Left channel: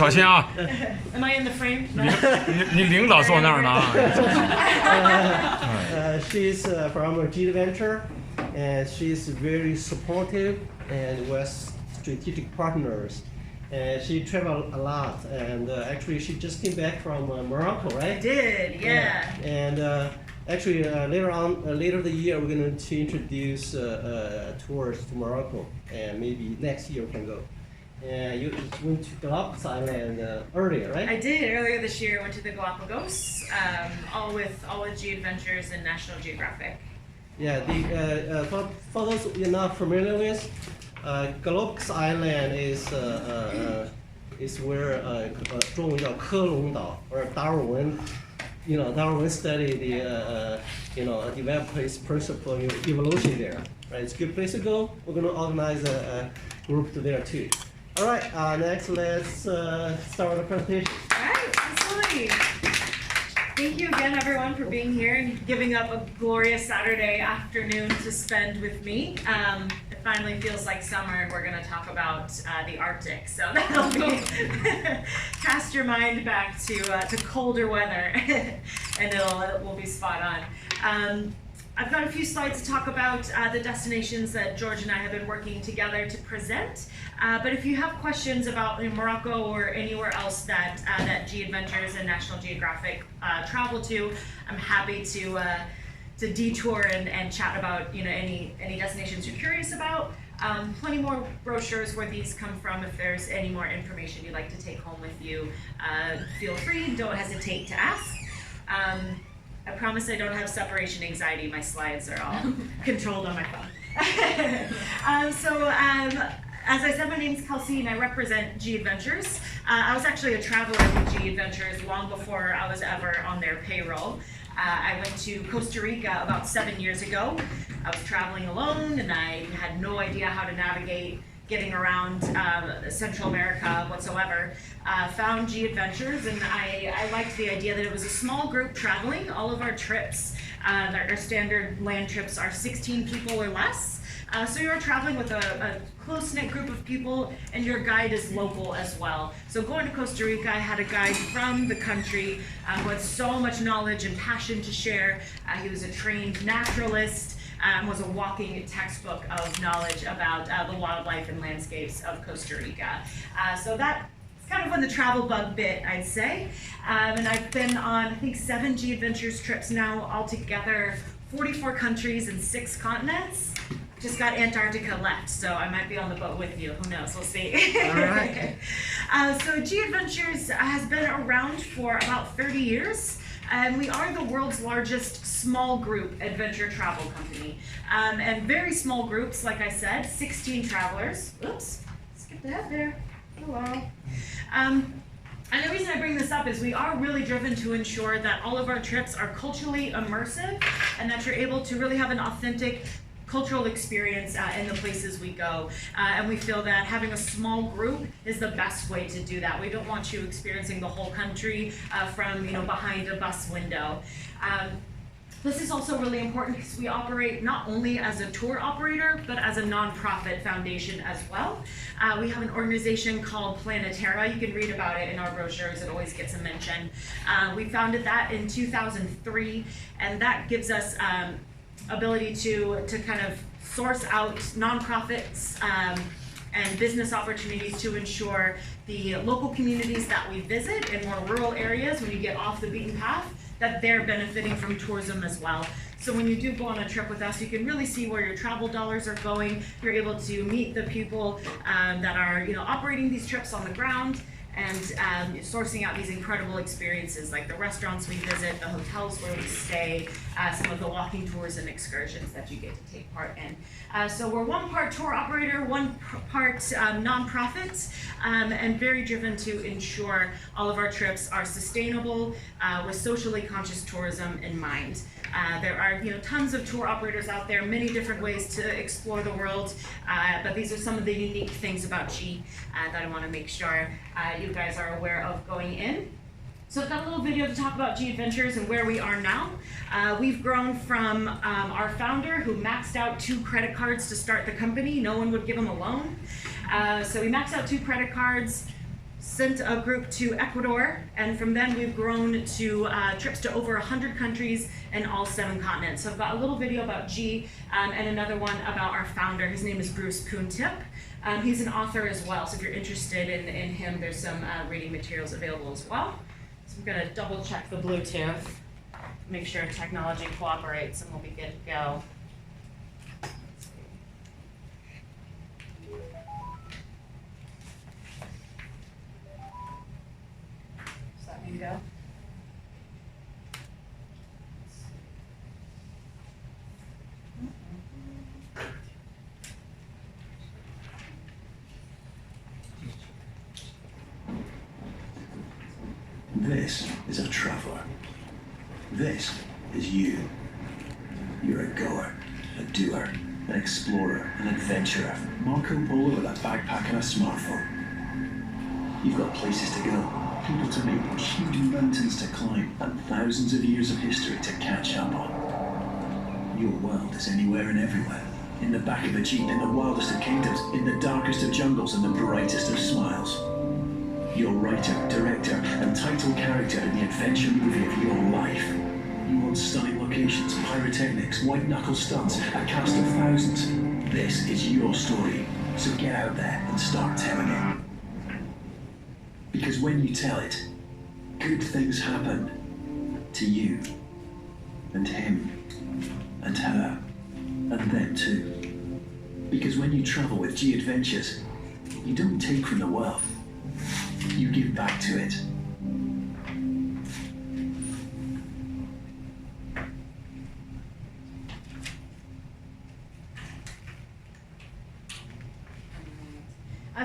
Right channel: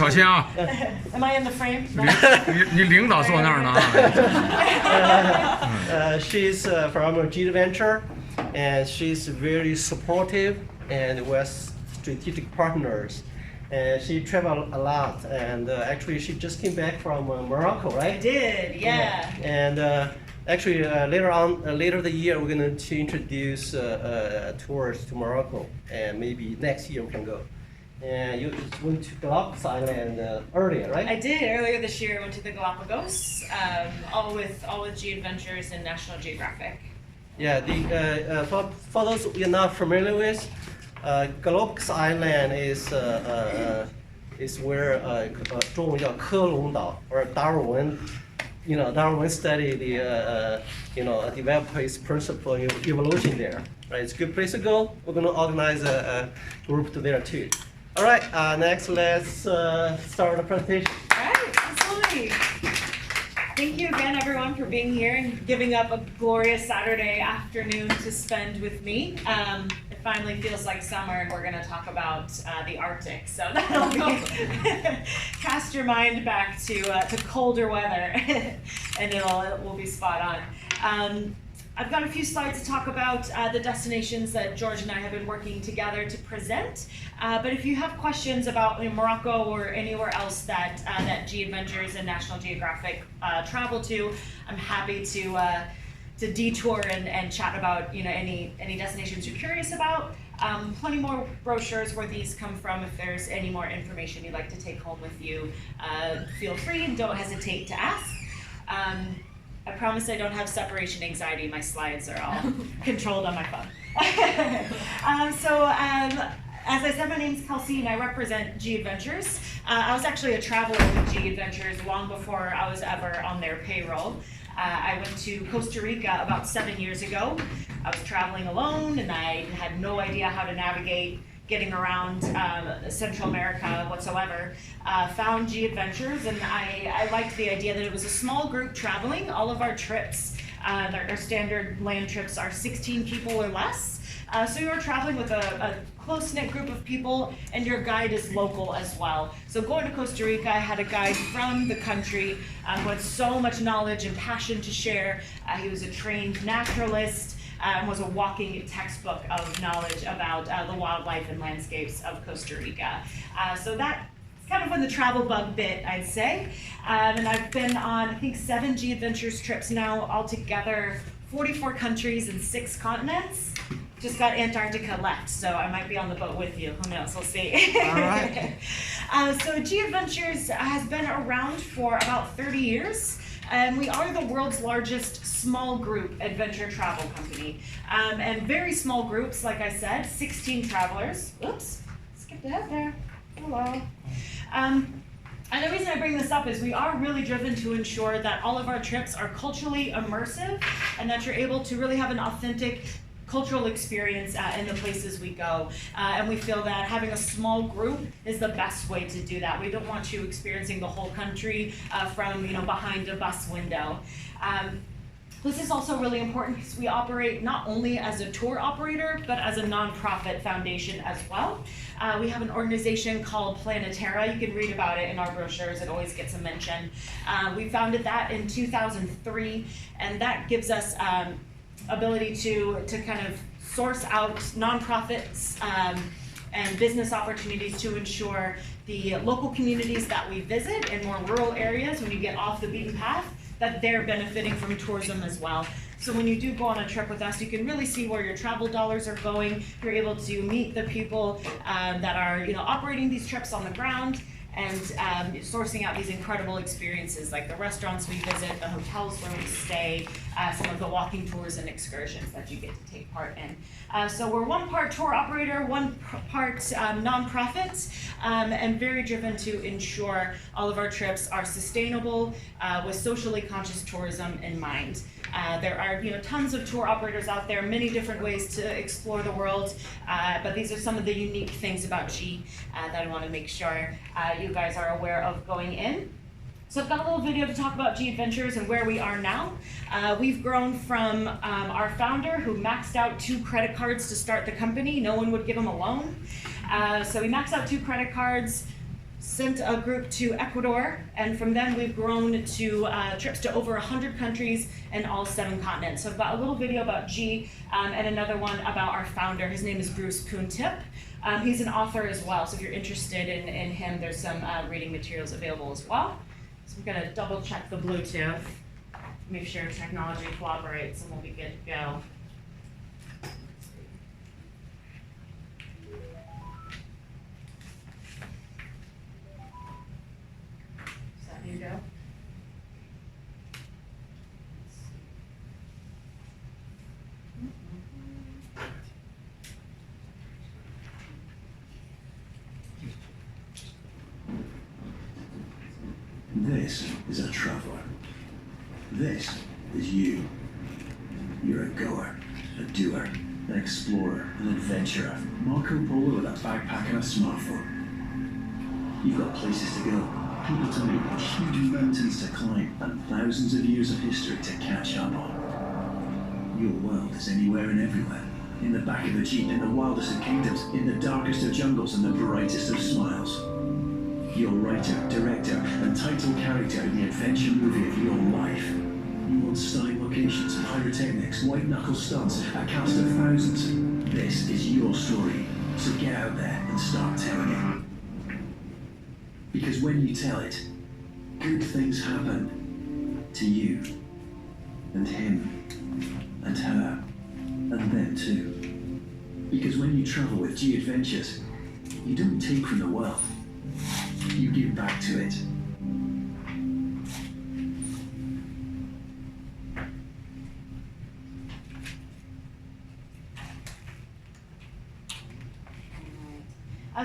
小心啊！ Am I in the frame? No. 你领导坐那儿呢啊。She's from G-Adventures, and she's very supportive and with strategic partners. And she traveled a lot, and actually she just came back from Morocco, right? I did, yeah. And actually later the year we're going to introduce tours to Morocco, and maybe next year we can go. And you went to Galapagos Island earlier, right? I did. Earlier this year, I went to the Galapagos, all with G-Adventures and National Geographic. Yeah, for those you're not familiar with, Galapagos Island is where 中文叫科隆岛 or Darwin. Darwin studied the developed his principle of evolution there. Right, it's a good place to go. We're going to organize a group to there too. All right, next let's start the presentation. All right, absolutely. Thank you again, everyone, for being here and giving up a glorious Saturday afternoon to spend with me. It finally feels like summer, and we're going to talk about the Arctic. So that'll be cast your mind back to colder weather, and it will be spot on. I've got a few slides to talk about the destinations that George and I have been working together to present. But if you have questions about Morocco or anywhere else that G-Adventures and National Geographic travel to, I'm happy to detour and chat about any destinations you're curious about. Plenty more brochures where these come from. If there's any more information you'd like to take home with you, feel free. Don't hesitate to ask. I promise I don't have separation anxiety. My slides are all controlled on my phone. As I said, my name's Kelsey, and I represent G-Adventures. I was actually a traveler with G-Adventures long before I was ever on their payroll. I went to Costa Rica about 7 years ago. I was traveling alone, and I had no idea how to navigate getting around Central America whatsoever. Found G-Adventures, and I liked the idea that it was a small group traveling. All of our trips, our standard land trips, are 16 people or less. So you're traveling with a close-knit group of people, and your guide is local as well. So going to Costa Rica, I had a guide from the country who had so much knowledge and passion to share. He was a trained naturalist, was a walking textbook of knowledge about the wildlife and landscapes of Costa Rica. So that's kind of when the travel bug bit, I'd say. And I've been on, I think, 7 G-Adventures trips now, altogether 44 countries and 6 continents. Just got Antarctica left, so I might be on the boat with you. Who knows? We'll see. All right. So G-Adventures has been around for about 30 years. And we are the world's largest small group adventure travel company. And very small groups, like I said, 16 travelers. Oops, skipped ahead there. Hello. And the reason I bring this up is we are really driven to ensure that all of our trips are culturally immersive and that you're able to really have an authentic cultural experience in the places we go. And we feel that having a small group is the best way to do that. We don't want you experiencing the whole country from behind a bus window. This is also really important because we operate not only as a tour operator, but as a nonprofit foundation as well. We have an organization called Planetara. You can read about it in our brochures. It always gets a mention. We founded that in 2003, and that gives us ability to kind of source out nonprofits and business opportunities to ensure the local communities that we visit in more rural areas, when you get off the beaten path, that they're benefiting from tourism as well. So when you do go on a trip with us, you can really see where your travel dollars are going. You're able to meet the people that are operating these trips on the ground, and sourcing out these incredible experiences like the restaurants we visit, the hotels where we stay, some of the walking tours and excursions that you get to take part in. So we're one part tour operator, one part nonprofit, and very driven to ensure all of our trips are sustainable with socially conscious tourism in mind. There are tons of tour operators out there, many different ways to explore the world, but these are some of the unique things about G that I want to make sure you guys are aware of going in. So I've got a little video to talk about G-Adventures and where we are now. We've grown from our founder, who maxed out 2 credit cards to start the company. No one would give him a loan. So we maxed out 2 credit cards. sent a group to Ecuador, and from then we've grown to trips to over 100 countries and all 7 continents. So I've got a little video about G and another one about our founder. His name is Bruce Kuhn-Tipp. He's an author as well, so if you're interested in him, there's some reading materials available as well. So I'm gonna double check the Bluetooth, make sure technology cooperates, and we'll be good to go. Does that mean go? This is a traveler. This is you. You're a goer, a doer, an explorer, an adventurer. Marco Polo with a backpack and a smartphone. You've got places to go, people to meet, huge mountains to climb, and thousands of years of history to catch up on. Your world is anywhere and everywhere. In the back of a jeep, in the wildest of kingdoms, in the darkest of jungles, and the brightest of smiles. You're writer, director, and title character in the adventure movie of your life. You want stunning locations, pyrotechnics, white-knuckle stunts, a cast of thousands. This is your story, so get out there and start telling it. Because when you tell it, good things happen to you, and him, and her, and them too. Because when you travel with G-Adventures, you don't take from the world. You give back to it.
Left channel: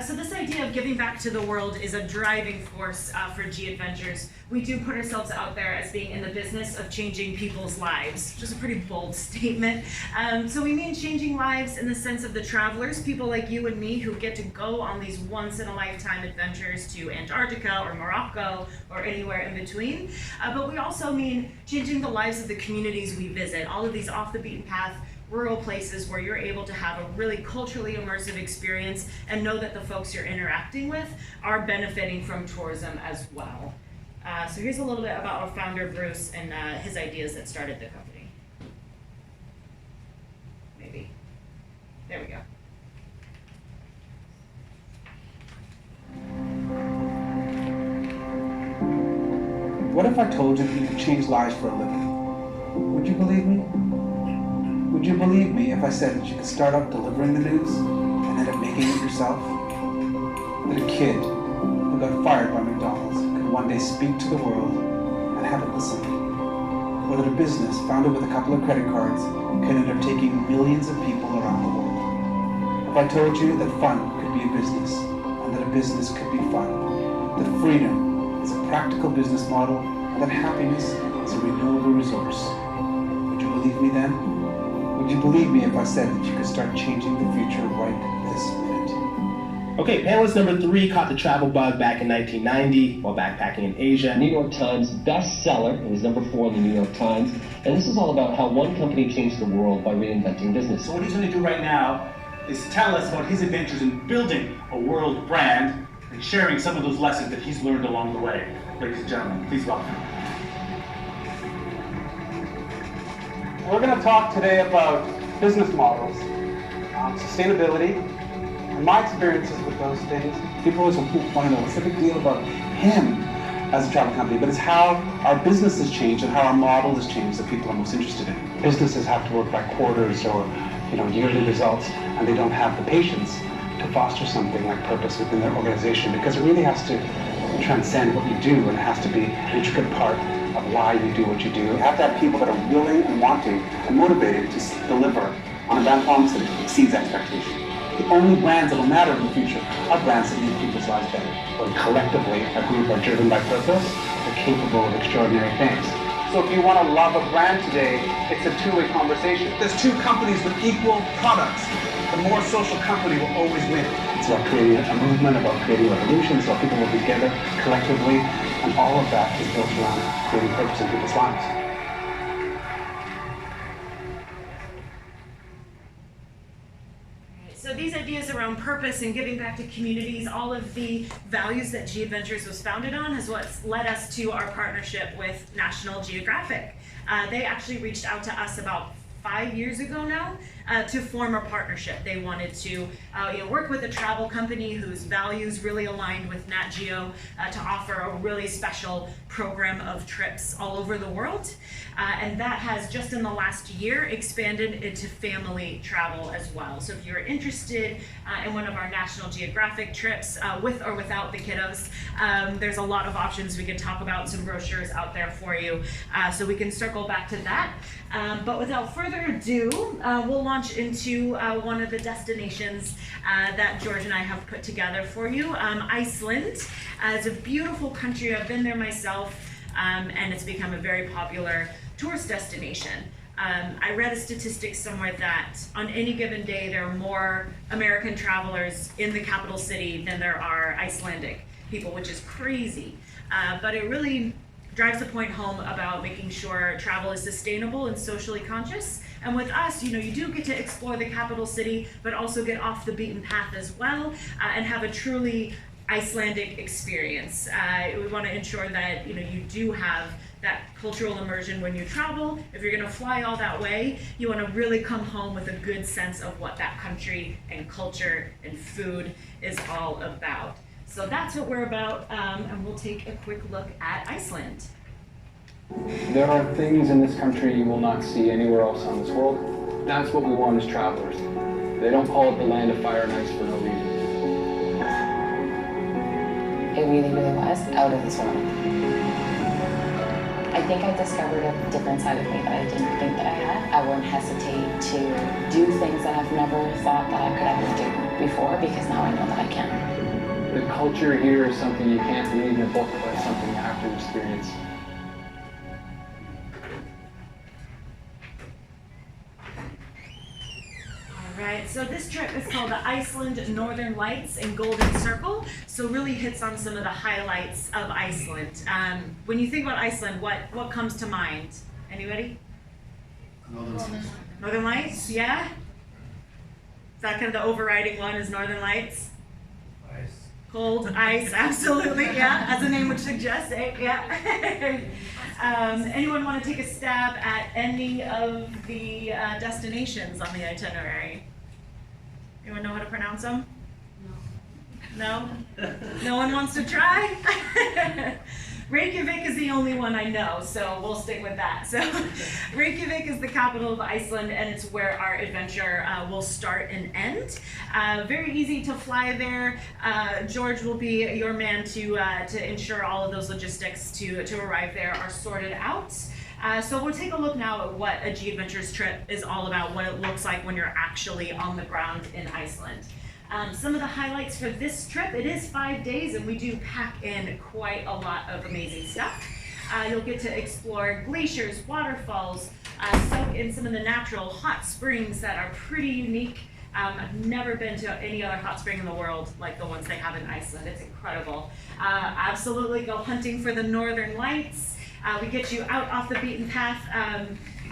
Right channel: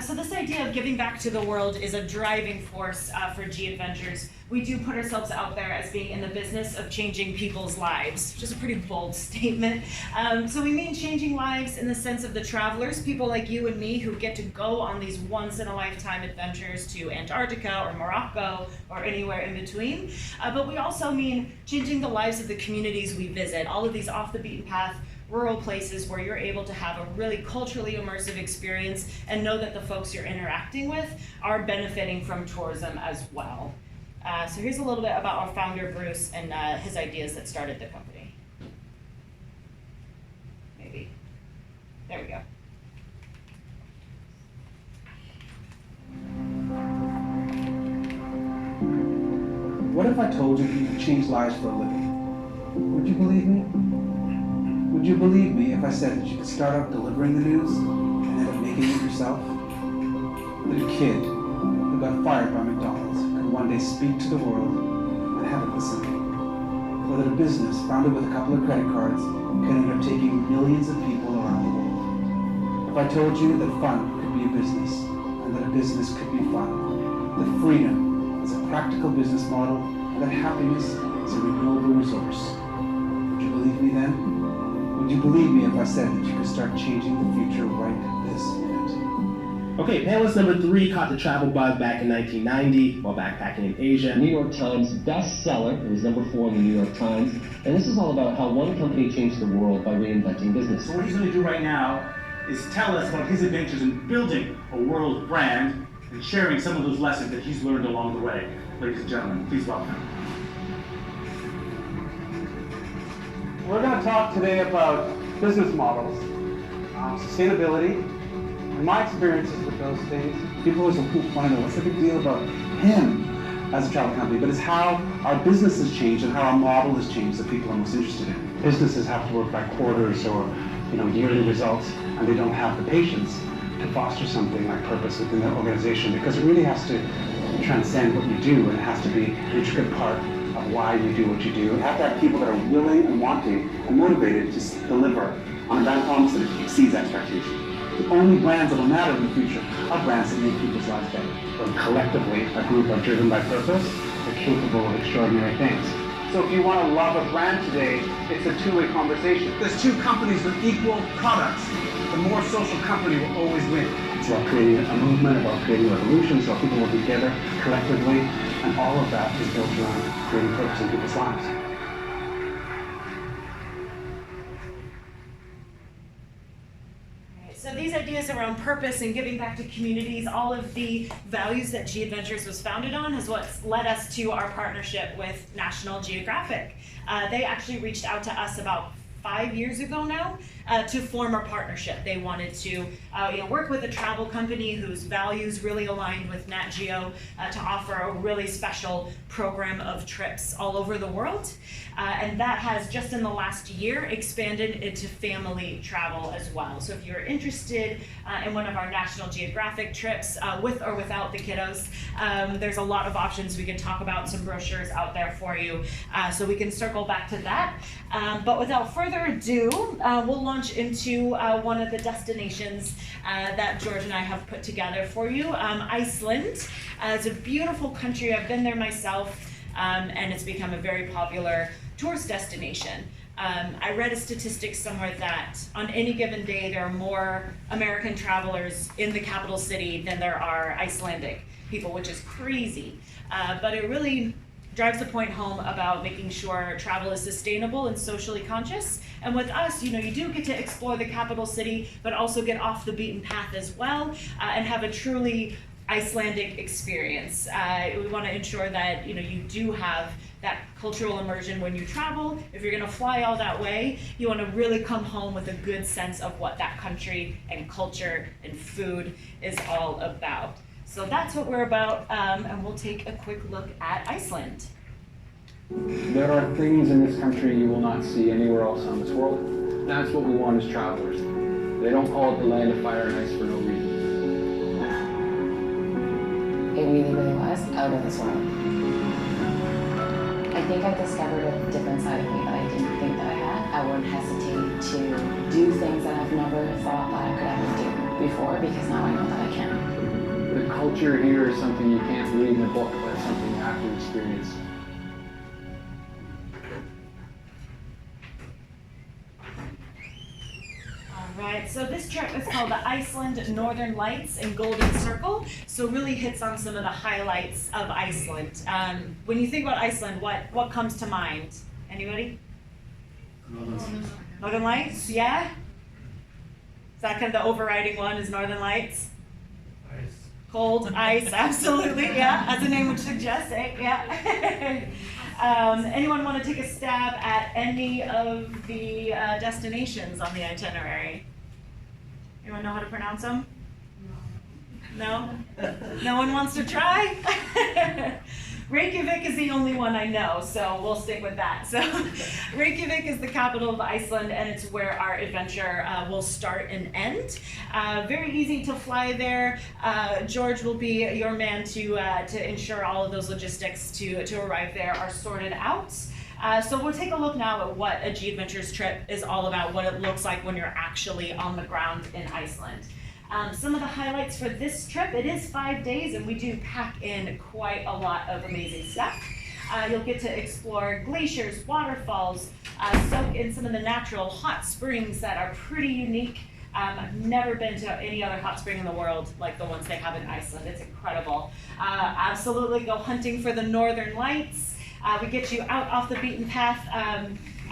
So this idea of giving back to the world is a driving force for G-Adventures. We do put ourselves out there as being in the business of changing people's lives, which is a pretty bold statement. So we mean changing lives in the sense of the travelers, people like you and me who get to go on these once-in-a-lifetime adventures to Antarctica or Morocco or anywhere in between. But we also mean changing the lives of the communities we visit, all of these off-the-beaten-path rural places where you're able to have a really culturally immersive experience and know that the folks you're interacting with are benefiting from tourism as well. So here's a little bit about our founder, Bruce, and his ideas that started the company. Maybe. There we go. What if I told you that you could change lives for a living? Would you believe me? Would you believe me if I said that you could start out delivering the news and end up making it yourself? That a kid who got fired by McDonald's could one day speak to the world and have it listen? Or that a business founded with a couple of credit cards could end up taking millions of people around the world? If I told you that fun could be a business and that a business could be fun, that freedom is a practical business model, and that happiness is a renewable resource, would you believe me then? Would you believe me if I said that you could start changing the future right this minute? Okay, panelist number 3 caught the travel bug back in 1990 while backpacking in Asia. New York Times bestseller. It was number 4 in the New York Times. And this is all about how one company changed the world by reinventing business. So what he's going to do right now is tell us about his adventures in building a world brand and sharing some of those lessons that he's learned along the way. Ladies and gentlemen, please welcome. We're going to talk today about business models, sustainability, and my experiences with those things. People always want to know what's the big deal about him as a travel company, but it's how our business has changed and how our model has changed that people are most interested in. Businesses have to work by quarters or yearly results, and they don't have the patience to foster something like purpose within their organization because it really has to transcend what you do, and it has to be an intricate part of why you do what you do. You have to have people that are willing and wanting and motivated to deliver on a brand promise that exceeds expectation. The only brands that will matter in the future are brands that make people's lives better. But collectively, a group are driven by purpose, they're capable of extraordinary things. So if you want to love a brand today, it's a two-way conversation. There's two companies with equal products. The more social company will always win. It's about creating a movement, about creating revolutions, so people will be together collectively, and all of that is built around creating purpose in people's lives. So these these ideas around purpose and giving back to communities, all of the values that G-Adventures was founded on is what's led us to our partnership with National Geographic. They actually reached out to us about 5 years ago now to form a partnership. They wanted to work with a travel company whose values really aligned with Nat Geo to offer a really special program of trips all over the world. And that has just in the last year expanded into family travel as well. So if you're interested in one of our National Geographic trips with or without the kiddos, there's a lot of options we could talk about, some brochures out there for you. So we can circle back to that. But without further ado, we'll launch into one of the destinations that George and I have put together for you. Iceland. It's a beautiful country. I've been there myself, and it's become a very popular tourist destination. I read a statistic somewhere that on any given day there are more American travelers in the capital city than there are Icelandic people, which is crazy. But it really drives the point home about making sure travel is sustainable and socially conscious. And with us, you do get to explore the capital city, but also get off the beaten path as well, and have a truly Icelandic experience. We want to ensure that you do have that cultural immersion when you travel. If you're going to fly all that way, you want to really come home with a good sense of what that country and culture and food is all about. So that's what we're about, and we'll take a quick look at Iceland. There are things in this country you will not see anywhere else on this world. That's what we want as travelers. They don't call it the land of fire and ice for no reason. It really, really was out of this world. I think I discovered a different side of me that I didn't think that I had. I won't hesitate to do things that I've never thought that I could ever do before, because now I know that I can. The culture here is something you can't read in a book, but it's something you have to experience. Right, so this trip is called the Iceland Northern Lights and Golden Circle, so really hits on some of the highlights of Iceland. When you think about Iceland, what comes to mind? Anybody? Northern Lights, yeah? Is that kind of the overriding one, is Northern Lights? Ice. Cold, ice, absolutely, yeah, as the name would suggest, yeah. Anyone want to take a stab at any of the destinations on the itinerary? Anyone know how to pronounce them? No? No one wants to try? Reykjavik is the only one I know, so we'll stick with that. So Reykjavik is the capital of Iceland, and it's where our adventure will start and end. Very easy to fly there. George will be your man to ensure all of those logistics to arrive there are sorted out. So we'll take a look now at what a G-Adventures trip is all about, what it looks like when you're actually on the ground in Iceland. Some of the highlights for this trip, it is 5 days and we do pack in quite a lot of amazing stuff. You'll get to explore glaciers, waterfalls, soak in some of the natural hot springs that are pretty unique. I've never been to any other hot spring in the world like the ones they have in Iceland. It's incredible. Absolutely go hunting for the Northern Lights. We get you out off the beaten path,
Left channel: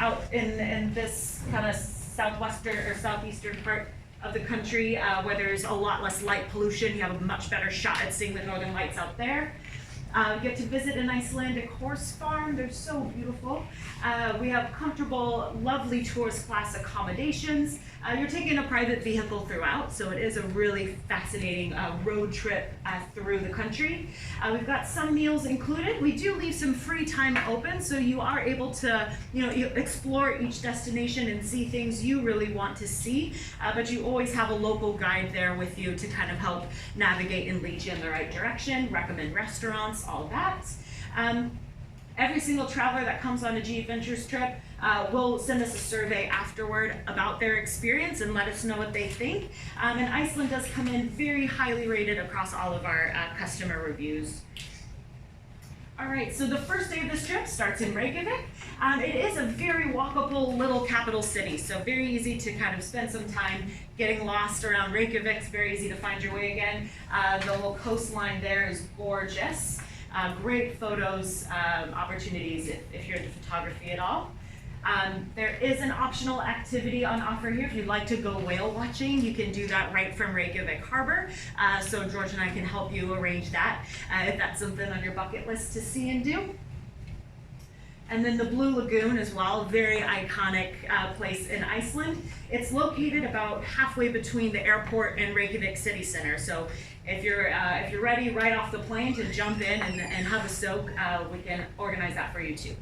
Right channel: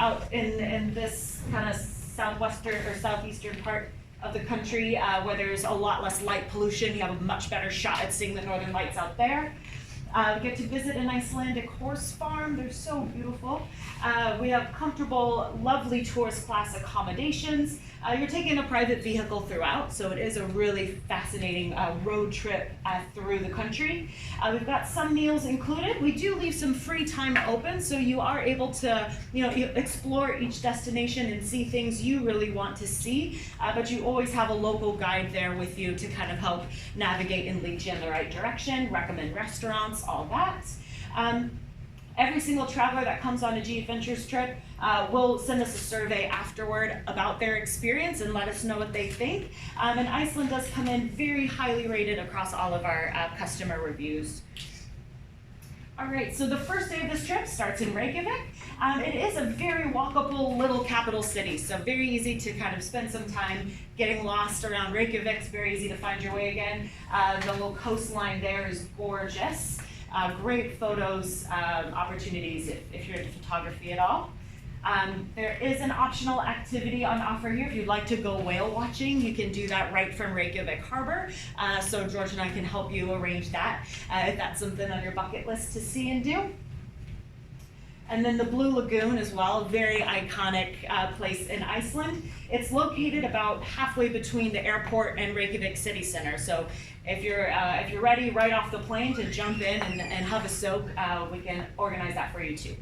out in this kind of southwestern or southeastern part of the country where there's a lot less light pollution. You have a much better shot at seeing the Northern Lights out there. Get to visit an Icelandic horse farm. They're so beautiful. We have comfortable, lovely tourist class accommodations. You're taking a private vehicle throughout, so it is a really fascinating road trip through the country. We've got some meals included. We do leave some free time open, so you are able to, explore each destination and see things you really want to see. But you always have a local guide there with you to kind of help navigate and lead you in the right direction, recommend restaurants, all that. Every single traveler that comes on a G-Adventures trip will send us a survey afterward about their experience and let us know what they think. And Iceland does come in very highly rated across all of our customer reviews. All right, so the first day of this trip starts in Reykjavik. It is a very walkable little capital city, so very easy to kind of spend some time getting lost around Reykjavik. It's very easy to find your way again. The little coastline there is gorgeous. Great photos, opportunities if you're into photography at all. There is an optional activity on offer here. If you'd like to go whale watching, you can do that right from Reykjavik Harbor. So George and I can help you arrange that if that's something on your bucket list to see and do. And then the Blue Lagoon as well, a very iconic place in Iceland. It's located about halfway between the airport and Reykjavik city center. So if you're ready right off the plane to jump in and have a soak, we can organize that for you too.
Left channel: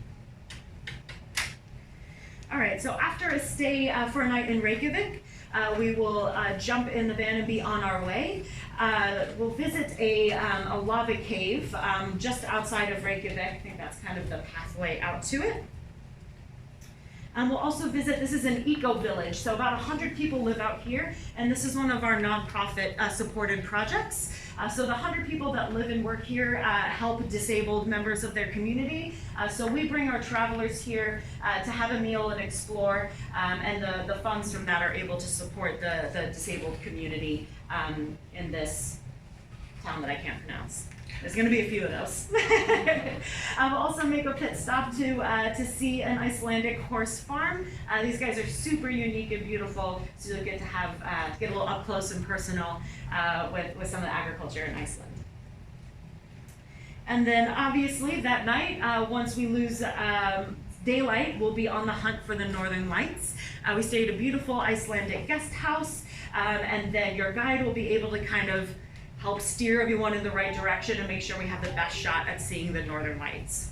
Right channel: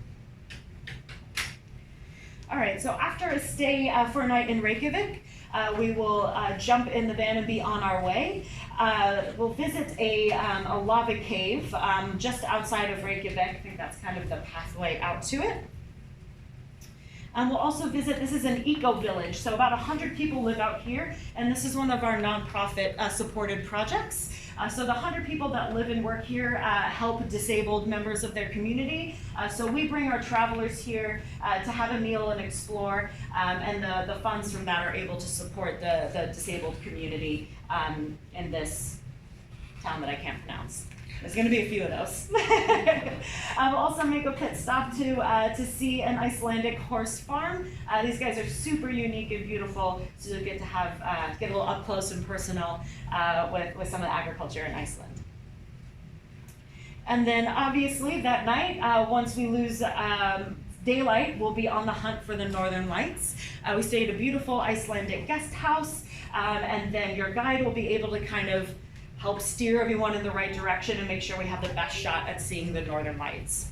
All right, so after a stay for a night in Reykjavik, we will jump in the van and be on our way. We'll visit a lava cave just outside of Reykjavik. I think that's kind of the pathway out to it. We'll also visit, this is an eco-village, so about 100 people live out here, and this is one of our nonprofit supported projects. So the 100 people that live and work here help disabled members of their community. So we bring our travelers here to have a meal and explore, and the funds from that are able to support the disabled community in this town that I can't pronounce. There's going to be a few of those. We'll also make a pit stop to see an Icelandic horse farm. These guys are super unique and beautiful, so you'll get to have get a little up close and personal with some of the agriculture in Iceland. And then obviously that night, once we lose daylight, we'll be on the hunt for the Northern Lights. We stay at a beautiful Icelandic guest house, and then your guide will be able to kind of help steer everyone in the right direction and make sure we have the best shot at seeing the Northern Lights.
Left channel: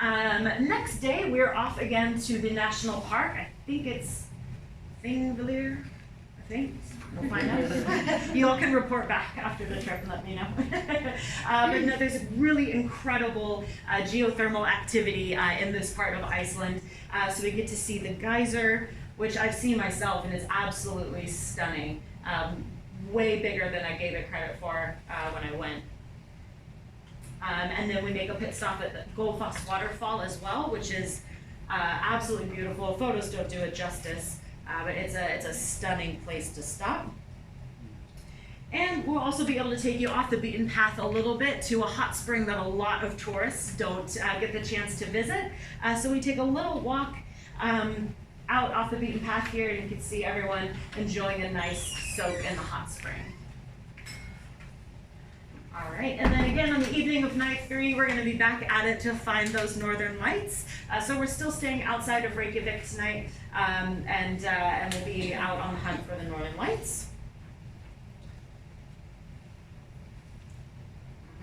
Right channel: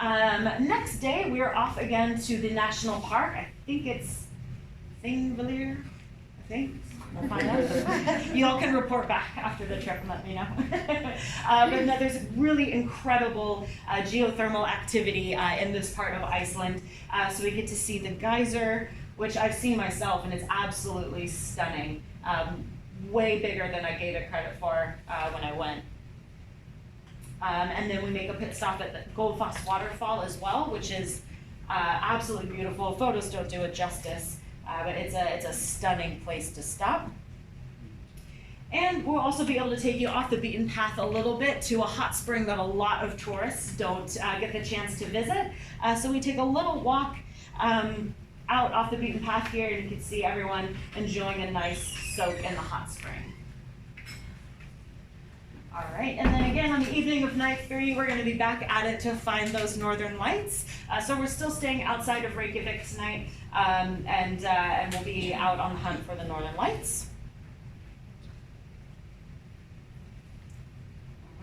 Next day, we're off again to the national park. I think it's Thingvellir, I think. We'll find out. You all can report back after the trip and let me know. But no, there's really incredible geothermal activity in this part of Iceland. So we get to see the geyser, which I've seen myself, and it's absolutely stunning. Way bigger than I gave it credit for when I went. And then we make a pit stop at the Goldfoss waterfall as well, which is absolutely beautiful. Photos don't do it justice, but it's a stunning place to stop. And we'll also be able to take you off the beaten path a little bit to a hot spring that a lot of tourists don't get the chance to visit. So we take a little walk out off the beaten path here, and you can see everyone enjoying a nice soak in the hot spring. All right, and then again on the evening of night 3, we're going to be back at it to find those Northern Lights. So we're still staying outside of Reykjavik tonight, and we'll be out on the hunt for the Northern Lights.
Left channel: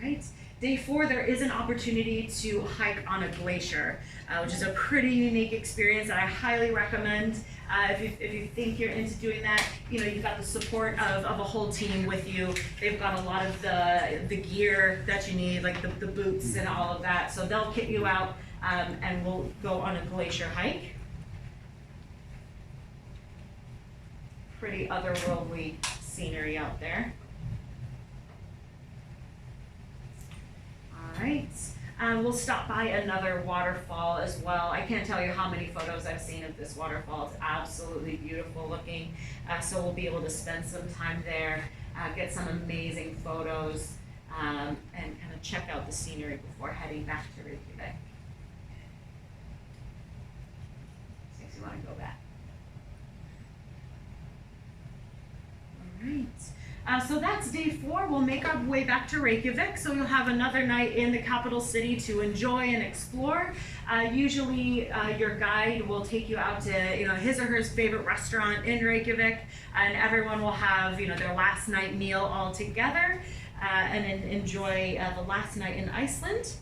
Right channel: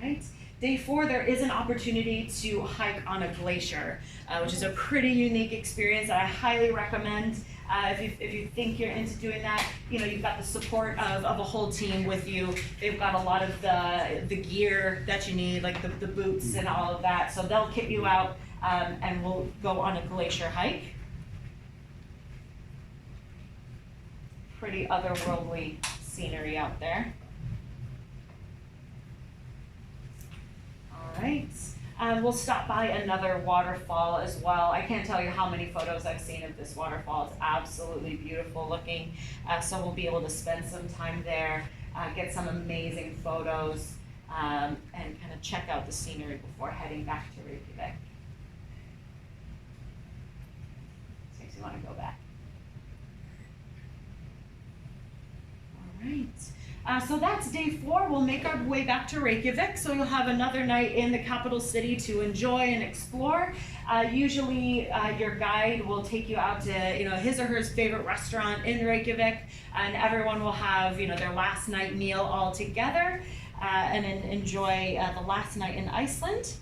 All right. Day 4, there is an opportunity to hike on a glacier, which is a pretty unique experience that I highly recommend. If you think you're into doing that, you know, you've got the support of a whole team with you. They've got a lot of the gear that you need, like the boots and all of that. So they'll kit you out, and we'll go on a glacier hike. Pretty otherworldly scenery out there. All right. We'll stop by another waterfall as well. I can't tell you how many photos I've seen of this waterfall. It's absolutely beautiful looking. So we'll be able to spend some time there, get some amazing photos, and kind of check out the scenery before heading back to Reykjavik. This makes me want to go back. All right. So that's day 4. We'll make our way back to Reykjavik. So you'll have another night in the capital city to enjoy and explore. Usually your guide will take you out to his or her favorite restaurant in Reykjavik, and everyone will have their last night meal all together and then enjoy the last night in Iceland.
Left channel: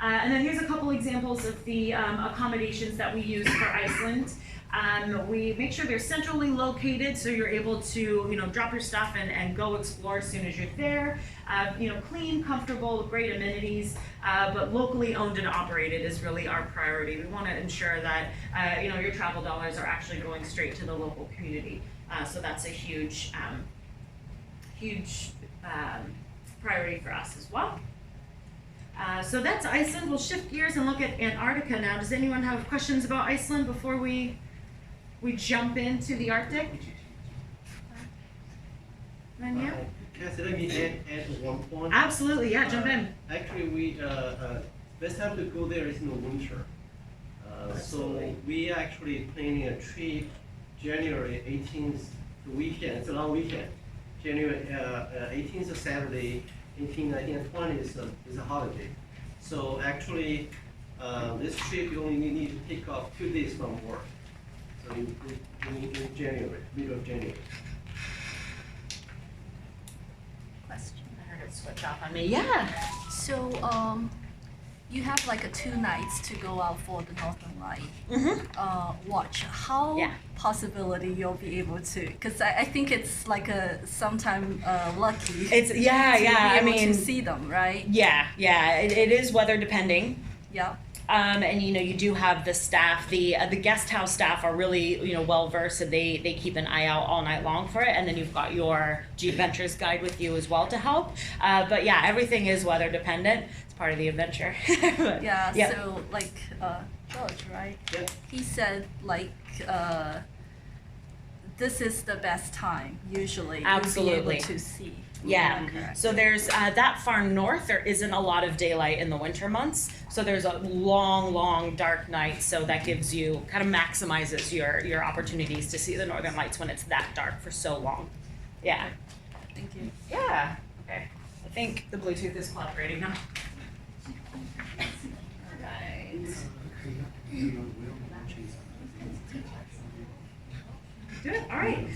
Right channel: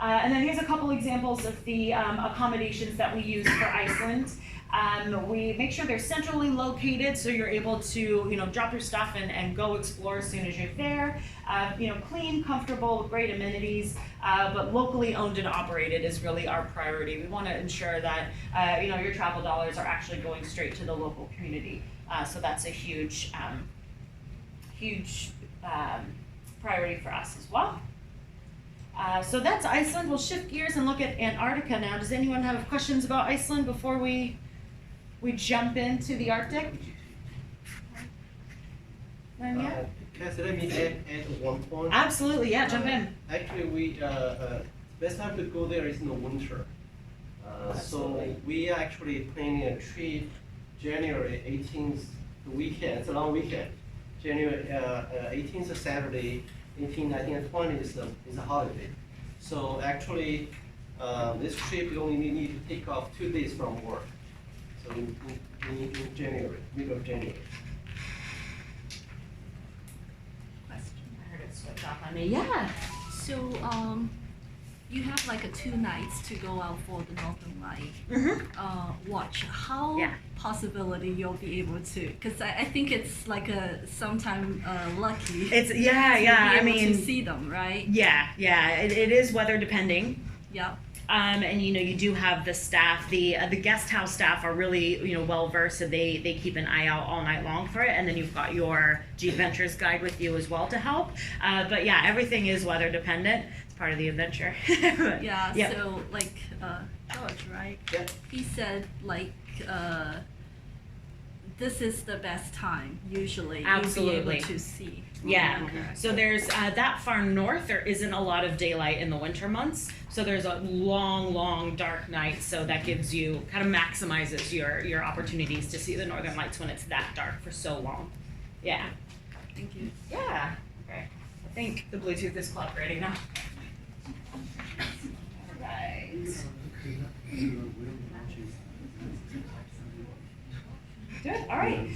And then here's a couple examples of the accommodations that we use for Iceland. We make sure they're centrally located, so you're able to drop your stuff and go explore as soon as you're there. Clean, comfortable, great amenities, but locally owned and operated is really our priority. We want to ensure that your travel dollars are actually going straight to the local community. So that's a huge priority for us as well. So that's Iceland. We'll shift gears and look at Antarctica now. Does anyone have questions about Iceland before we jump into the Arctic? Kelsey, let me add one point. Absolutely, yeah, jump in. Actually, we best time to go there is in the winter. So we actually planning a trip January 18th weekend. It's a long weekend. January 18th is Saturday, 18th, 19th, and 20th is a holiday. So actually, this trip you only need to take off 2 days from work. So in January, middle of January. Question. I heard it switch off on me. Yeah. So, you have like 2 nights to go out for the Northern Light watch. How possibility you'll be able to? Because I think it's like sometime lucky. It's I mean, to see them, right? Yeah. It is weather depending. Yep. And you do have the staff. The guest house staff are really well versed, and they keep an eye out all night long for it. And then you've got your G-Adventures guide with you as well to help. But yeah, everything is weather dependent. It's part of the adventure. Yeah. So like George, right? Yeah. He said like this is the best time usually. Absolutely. To be able to see. Yeah. So there's that far north, there isn't a lot of daylight in the winter months. So there's a long dark night. So that gives you, kind of maximizes your opportunities to see the Northern Lights when it's that dark for so long. Yeah. Thank you. Yeah. Okay. I think the Bluetooth is cooperating now. All right. Good. All right.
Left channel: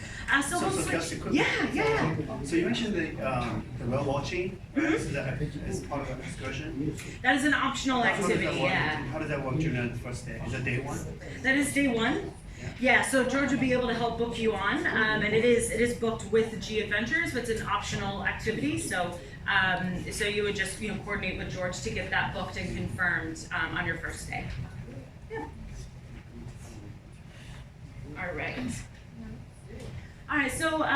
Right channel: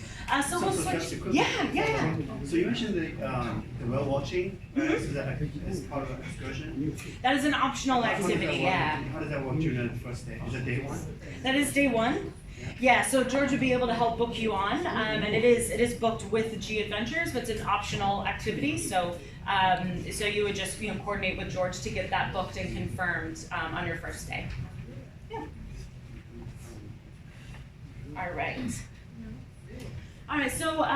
So we'll switch. Kelsey, Yeah. So you mentioned the whale watching as part of the excursion. That is an optional activity. How does that work during the first day? Is that day 1? That is day 1. Yeah. So George would be able to help book you on, and it is booked with G-Adventures, but it's an optional activity. So so you would just coordinate with George to get that booked and confirmed on your first day. Yeah. All right. All right, so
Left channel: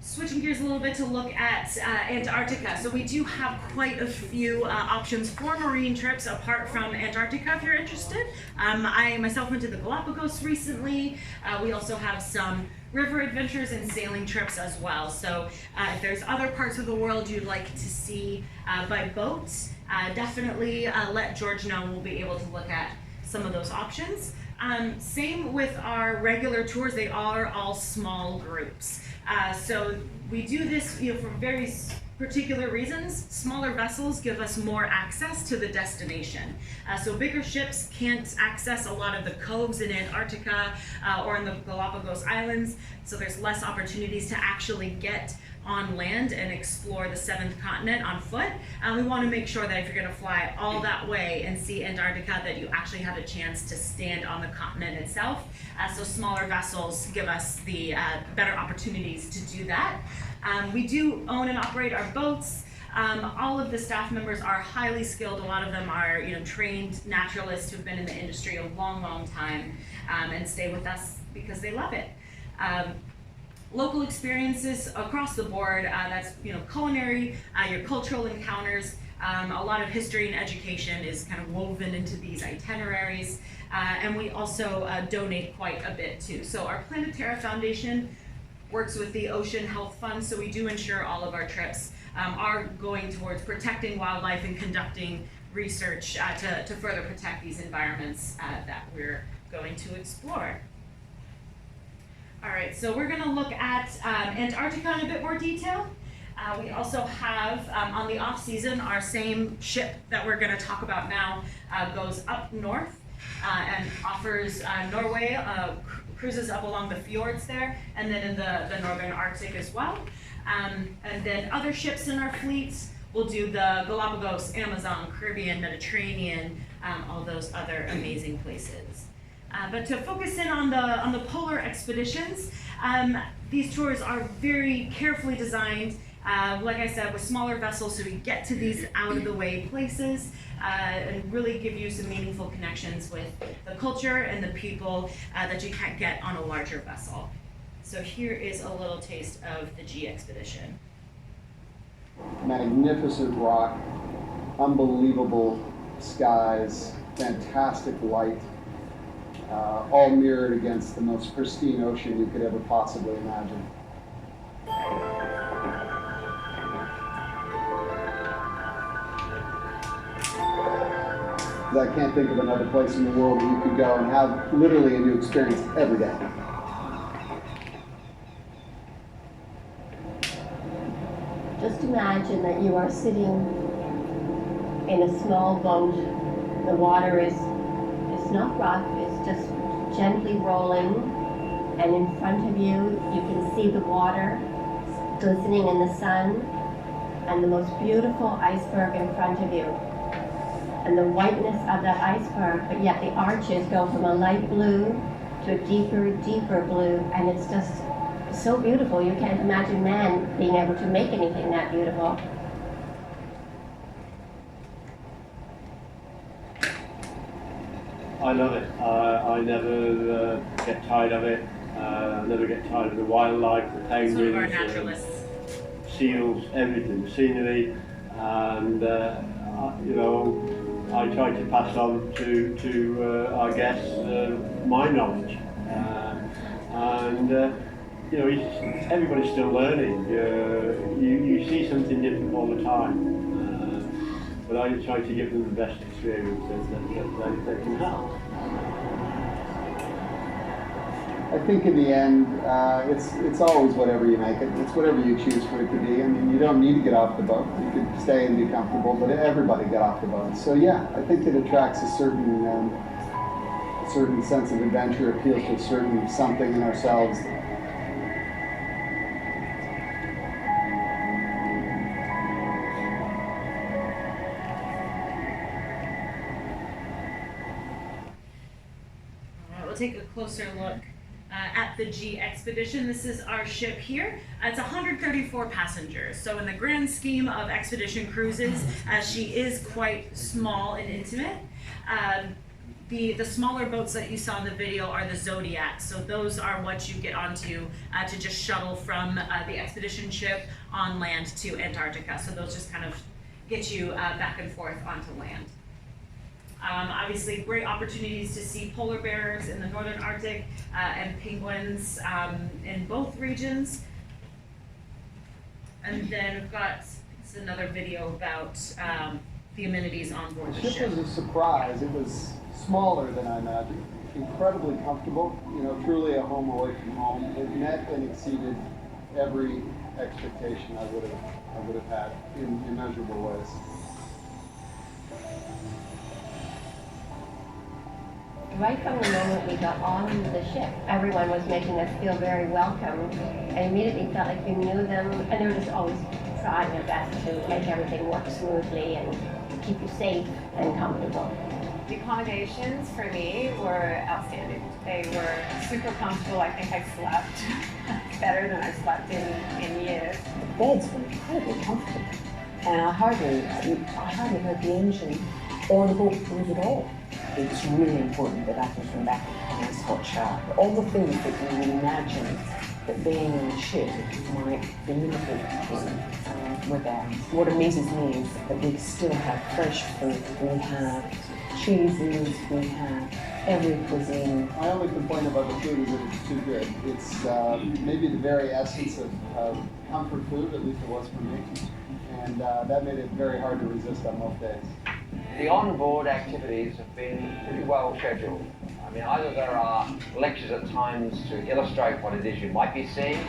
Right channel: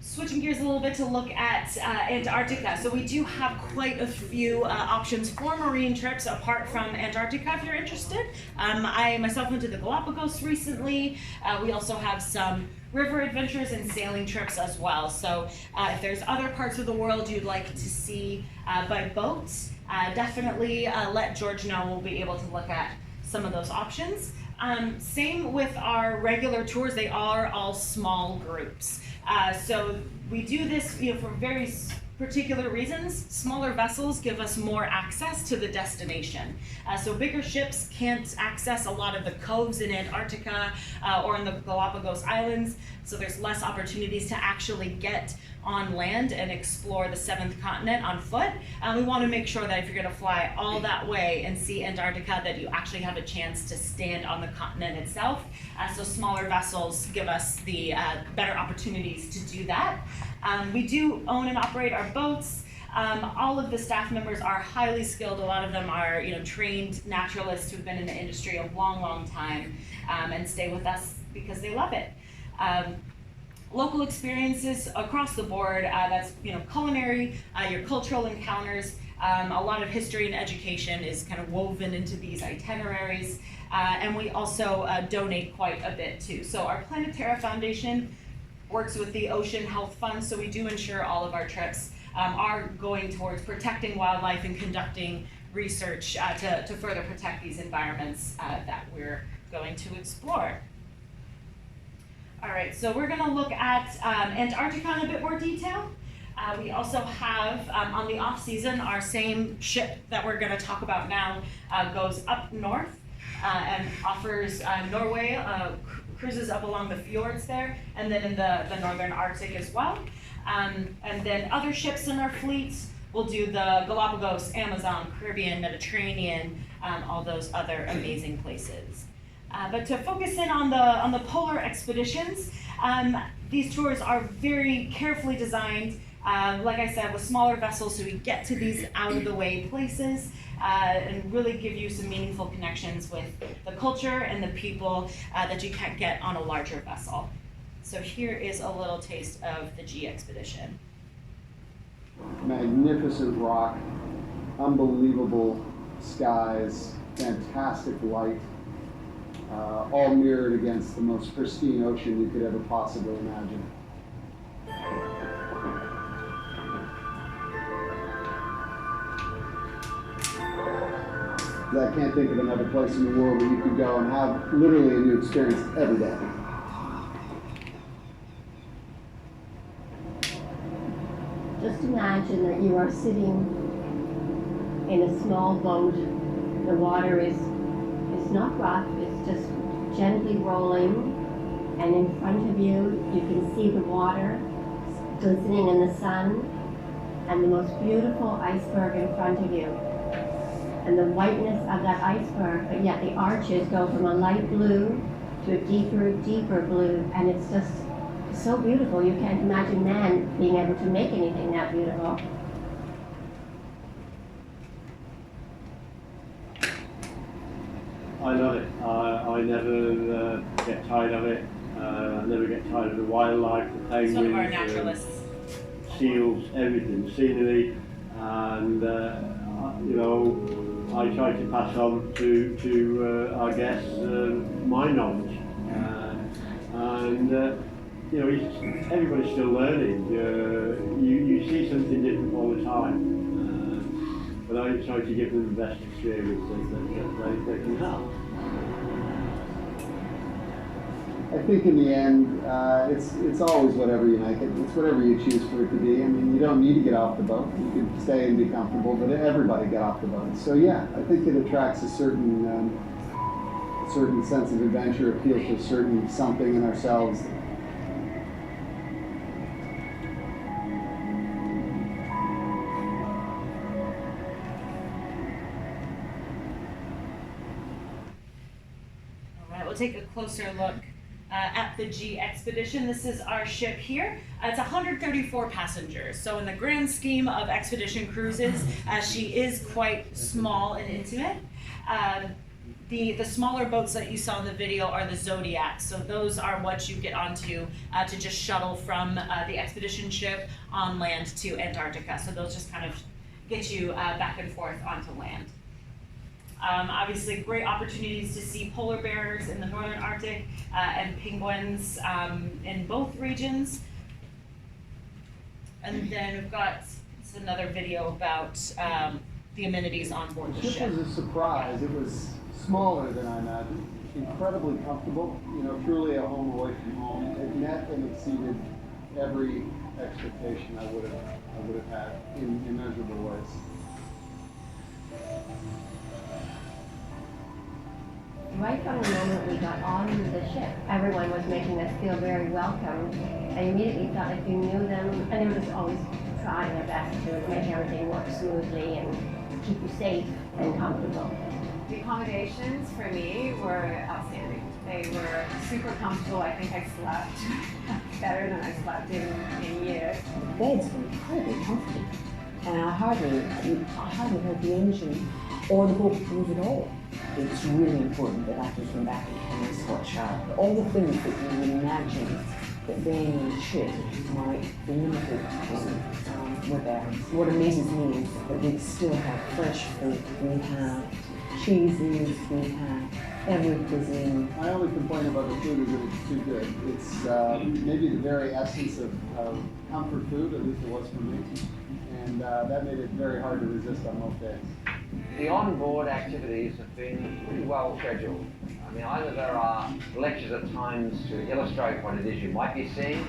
switching gears a little bit to look at Antarctica. So we do have quite a few options for marine trips apart from Antarctica if you're interested. I myself went to the Galapagos recently. We also have some river adventures and sailing trips as well. So if there's other parts of the world you'd like to see by boat, definitely let George know. We'll be able to look at some of those options. Same with our regular tours, they are all small groups. So we do this for very particular reasons. Smaller vessels give us more access to the destination. So bigger ships can't access a lot of the coves in Antarctica or in the Galapagos Islands, so there's less opportunities to actually get on land and explore the 7th continent on foot. We want to make sure that if you're going to fly all that way and see Antarctica, that you actually have a chance to stand on the continent itself. So smaller vessels give us the better opportunities to do that. We do own and operate our boats. All of the staff members are highly skilled. A lot of them are trained naturalists who've been in the industry a long time and stay with us because they love it. Local experiences across the board, that's culinary, your cultural encounters, a lot of history and education is kind of woven into these itineraries, and we also donate quite a bit too. So our Planetara Foundation works with the Ocean Health Fund, so we do ensure all of our trips are going towards protecting wildlife and conducting research to further protect these environments that we're going to explore. All right, so we're going to look at Antarctica in a bit more detail. We also have, on the off season, our same ship that we're going to talk about now goes up north and offers Norway, cruises up along the fjords there, and then in the northern Arctic as well. And then other ships in our fleet will do the Galapagos, Amazon, Caribbean, Mediterranean, all those other amazing places. But to focus in on the polar expeditions, these tours are very carefully designed, like I said, with smaller vessels, so we get to these out-of-the-way places and really give you some meaningful connections with the culture and the people that you can't get on a larger vessel. So here is a little taste of the G-Expedition. Magnificent rock, unbelievable skies, fantastic light. All mirrored against the most pristine ocean you could ever possibly imagine. because I can't think of another place in the world that you could go and have literally a new experience every day. Just imagine that you are sitting in a small boat. The water is not rough, it's just gently rolling, and in front of you, you can see the water glistening in the sun, and the most beautiful iceberg in front of you. And the whiteness of that iceberg, but yet the arches go from a light blue to a deeper, deeper blue, and it's just so beautiful. You can't imagine man being able to make anything that beautiful. I love it. I never get tired of it. Never get tired of the wildlife, the penguins, one of our naturalists. Seals, everything, the scenery, and you know, I try to pass on to our guests my knowledge, and you know, everybody's still learning. You see something different all the time, but I try to give them the best experience that they can have. I think in the end, it's always whatever you make it. It's whatever you choose for it to be. I mean, you don't need to get off the boat. You can stay and be comfortable, but everybody get off the boat. So yeah, I think it attracts a certain sense of adventure, appeals to a certain something in ourselves. All right, we'll take a closer look at the G-Expedition. This is our ship here. It's 134 passengers. So in the grand scheme of expedition cruises, she is quite small and intimate. The smaller boats that you saw in the video are the Zodiacs. So those are what you get onto to just shuttle from the expedition ship on land to Antarctica. So those just kind of get you back and forth onto land. Obviously, great opportunities to see polar bears in the northern Arctic and penguins in both regions. And then we've got another video about the amenities on board the ship. The ship was a surprise. It was smaller than I imagined. Incredibly comfortable. You know, truly a home away from home. It met and exceeded every expectation I would have had in immeasurable ways. Right from the moment we got on the ship, everyone was making us feel very welcome, and immediately felt like we knew them, and they were just always trying their best to make everything work smoothly and keep you safe and comfortable. The accommodations for me were outstanding. They were super comfortable. I think I slept better than I slept in years. The beds were incredibly comfortable, and I hardly heard the engine or the boat move at all. It's really important that I can come back and find hot shower. All the things that you would imagine that being in a ship might be limited were there. What amazes me is that we still have fresh fruit, we have cheeses, we have every cuisine. My only complaint about the food is that it's too good. It's maybe the very essence of comfort food, at least it was for me. And that made it very hard to resist on most days. The on-board activities have been pretty well scheduled. I mean, either there are lectures at times to illustrate what it is you might be seeing,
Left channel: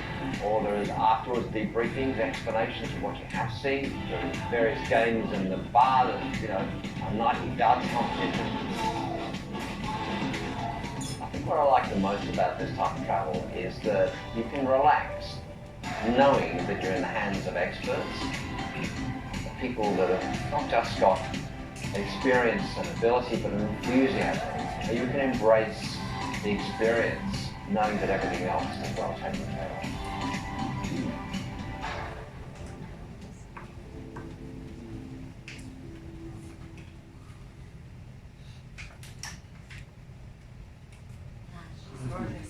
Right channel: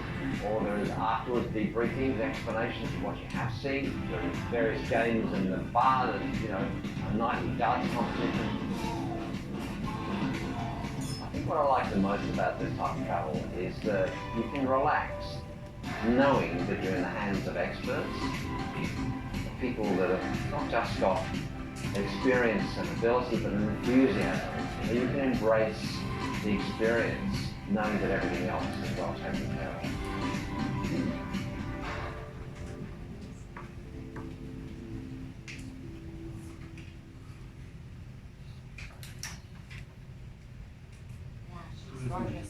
or there is afterwards debriefings, explanations of what you have seen. There are various games in the bar, there's, you know, a nightly darts competition. I think what I like the most about this type of travel is that you can relax knowing that you're in the hands of experts, people that have not just got experience and ability, but an enthusiasm. You can embrace the experience, knowing that everything else is well taken care of. She's gorgeous.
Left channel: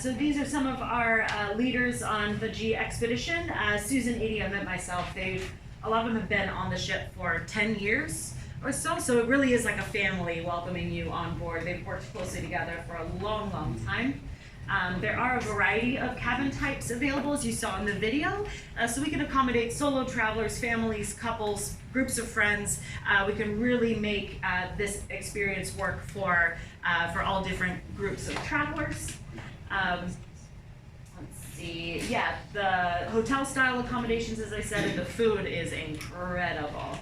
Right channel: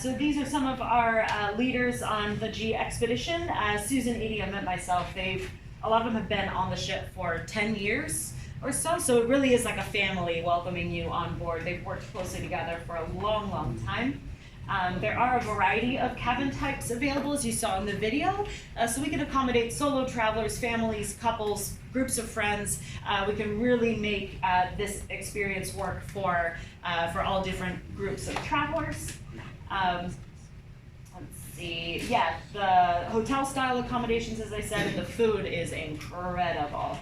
So these are some of our leaders on the G-Expedition. Susan, Edie, I met myself. A lot of them have been on the ship for 10 years or so it really is like a family welcoming you on board. They've worked closely together for a long, long time. There are a variety of cabin types available, as you saw in the video, so we can accommodate solo travelers, families, couples, groups of friends. We can really make this experience work for all different groups of travelers. Let's see, yeah, the hotel style accommodations, as I said, and the food is incredible.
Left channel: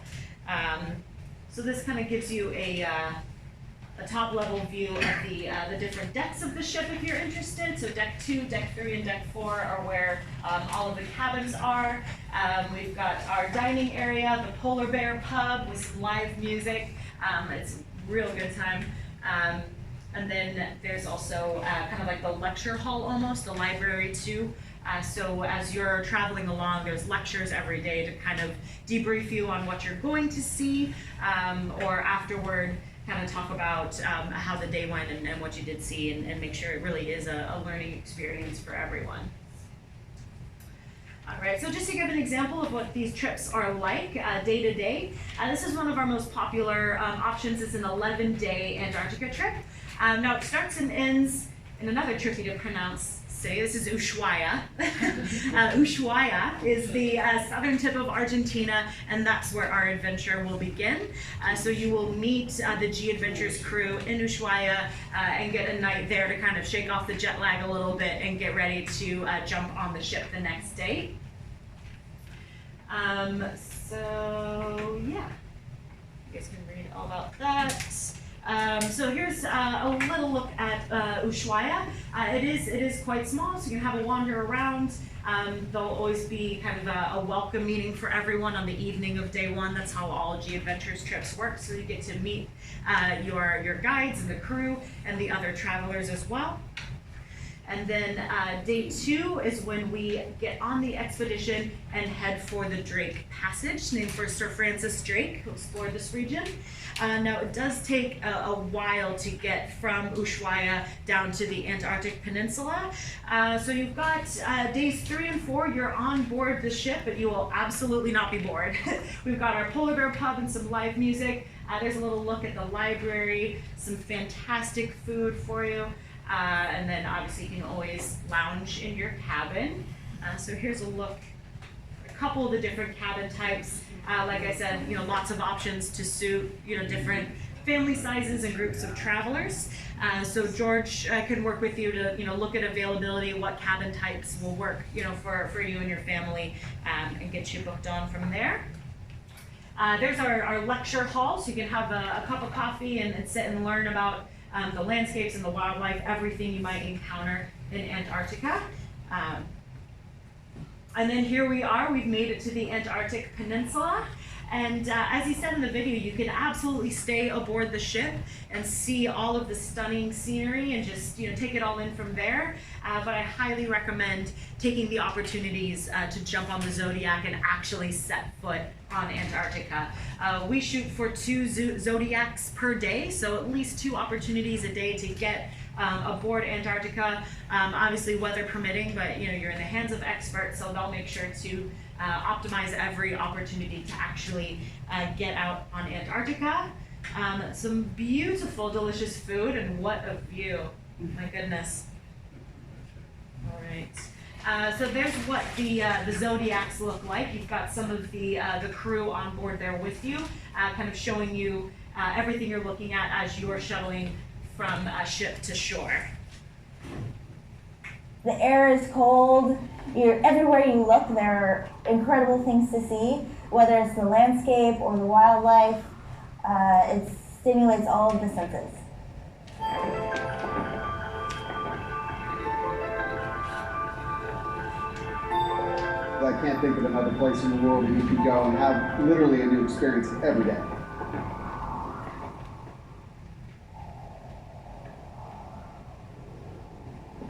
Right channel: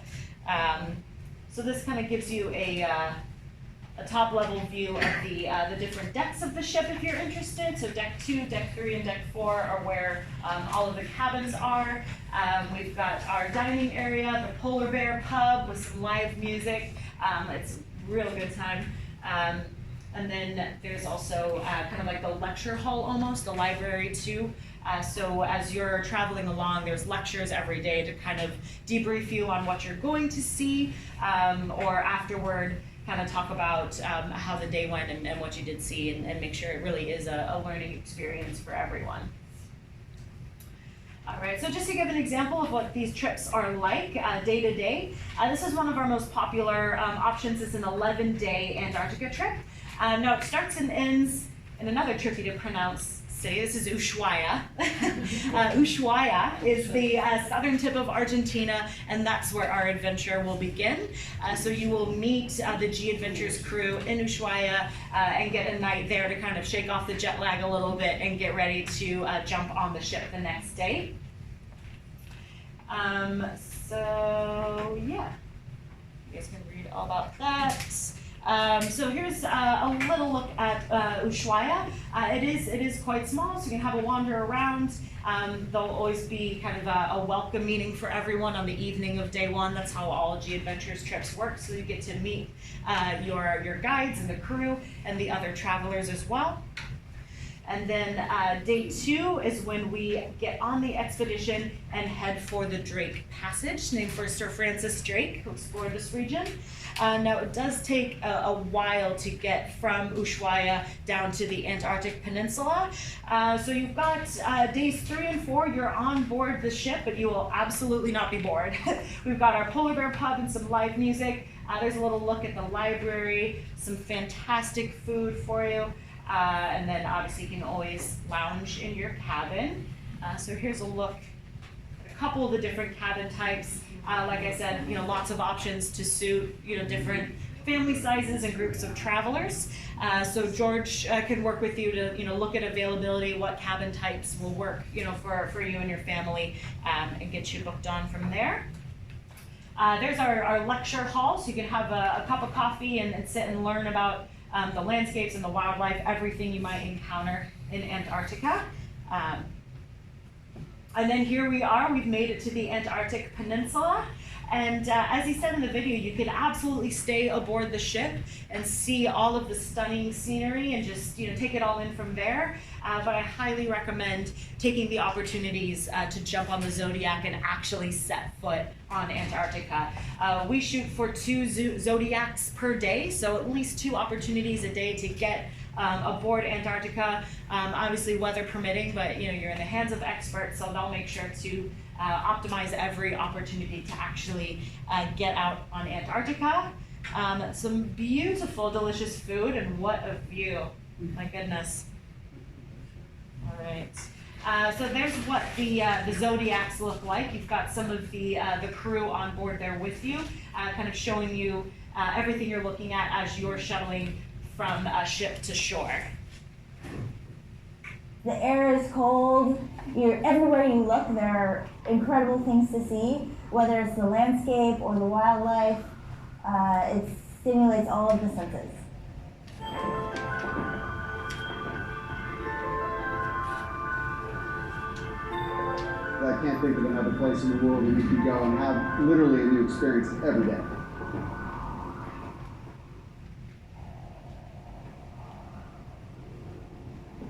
So this kind of gives you a top level view of the different decks of the ship if you're interested. So deck 2, deck 3, and deck 4 are where all of the cabins are. We've got our dining area, the Polar Bear Pub with some live music. It's a real good time. And then there's also kind of like the lecture hall almost, the library too. So as you're traveling along, there's lectures every day to kind of debrief you on what you're going to see, or afterward kind of talk about how the day went and what you did see, and make sure it really is a learning experience for everyone. All right, so just to give an example of what these trips are like day to day, this is one of our most popular options. It's an 11-day Antarctica trip. Now it starts and ends in another tricky to pronounce city. This is Ushuaia. Ushuaia is the southern tip of Argentina, and that's where our adventure will begin. So you will meet the G-Adventures crew in Ushuaia and get a night there to kind of shake off the jet lag a little bit and get ready to jump on the ship the next day. So yeah, you guys can read all about that. So here's a little look at Ushuaia. It is quite small, so you can have a wander around. There'll always be kind of a welcome meeting for everyone on the evening of day one. That's how all G-Adventures trips work, so you get to meet your guides and the crew and the other travelers as well. And then day 2 is when we get on the expedition and head for the Drake Passage, named for Sir Francis Drake, who explored this region. Now it does take a while to get from Ushuaia down to the Antarctic Peninsula. So you've got days 3 and 4, you're on board the ship, but you will absolutely not be bored. We've got our Polar Bear Pub and some live music. There's a little look at the library, some fantastic food for you. And then obviously you can always lounge in your cabin. So here's a look at a couple of the different cabin types. Like I said, lots of options to suit, different family sizes and groups of travelers. So George can work with you to, look at availability, what cabin types will work, for you and your family, and get you booked on from there. There's our lecture hall, so you can have a cup of coffee and sit and learn about the landscapes and the wildlife, everything you might encounter in Antarctica. And then here we are, we've made it to the Antarctic Peninsula. And as he said in the video, you can absolutely stay aboard the ship and see all of the stunning scenery and just take it all in from there. But I highly recommend taking the opportunities to jump on the Zodiac and actually set foot on Antarctica. We shoot for 2 Zodiacs per day, so at least 2 opportunities a day to get aboard Antarctica. Obviously weather permitting, but you're in the hands of experts, so they'll make sure to optimize every opportunity to actually get out on Antarctica. Some beautiful, delicious food, and what a view! My goodness. All right. So there's what the Zodiacs look like. You've got some of the crew on board there with you, kind of showing you everything you're looking at as you're shuttling from ship to shore. The air is cold. Everywhere you look, there are incredible things to see, whether it's the landscape or the wildlife. It stimulates all of the senses. I can't think of another place in the world where you can go and have literally a new experience every day.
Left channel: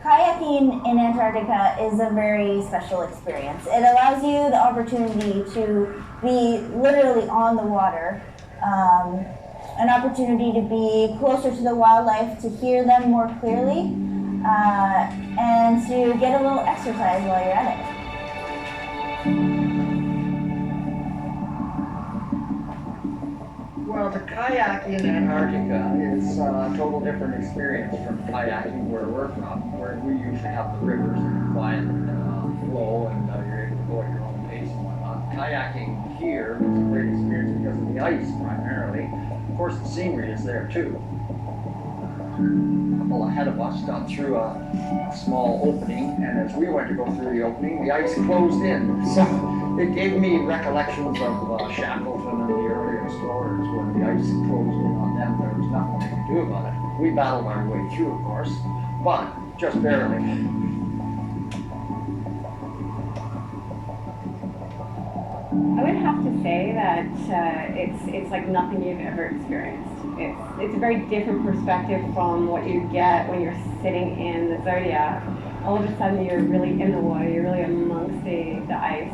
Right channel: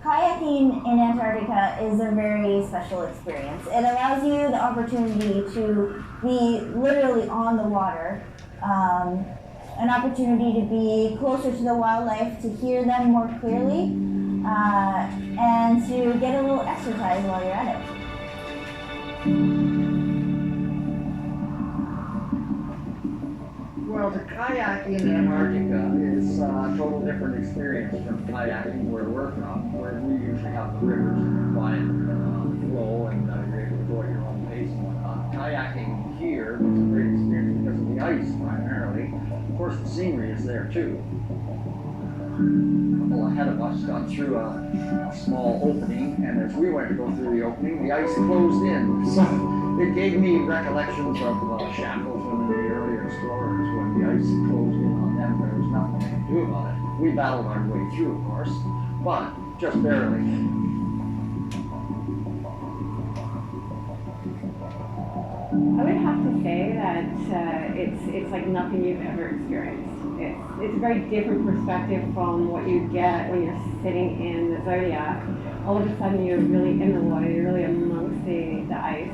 Kayaking in Antarctica is a very special experience. It allows you the opportunity to be literally on the water, an opportunity to be closer to the wildlife, to hear them more clearly, and to get a little exercise while you're at it. Well, the kayak in Antarctica is it's a total different experience from kayaking where we're from, where we usually have the rivers quiet flow and you're able to go at your own pace and whatnot. Kayaking here is a great experience because of the ice primarily. Of course, the scenery is there too. A couple ahead of us got through a small opening, and as we went to go through the opening, the ice closed in. So it gave me recollections of Shackleton and the early explorers when the ice closed in on them. There was nothing they could do about it. We battled our way through, of course, but just barely. I would have to say that it's like nothing you've ever experienced. It's a very different perspective from what you get when you're sitting in the Zodiac. All of a sudden you're really in the water, you're really amongst the ice.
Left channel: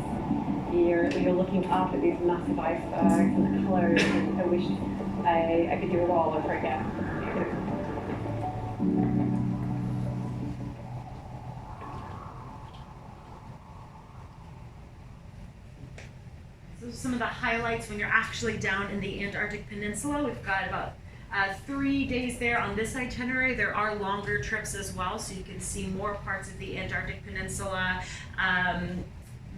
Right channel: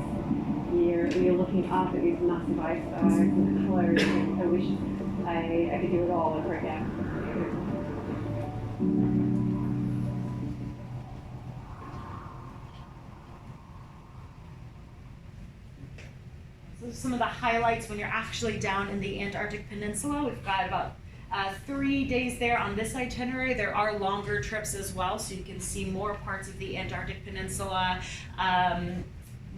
You're looking up at these massive icebergs and the colors. I wish I could do it all over again. So some of the highlights when you're actually down in the Antarctic Peninsula. We've got about 3 days there on this itinerary. There are longer trips as well, so you can see more parts of the Antarctic Peninsula,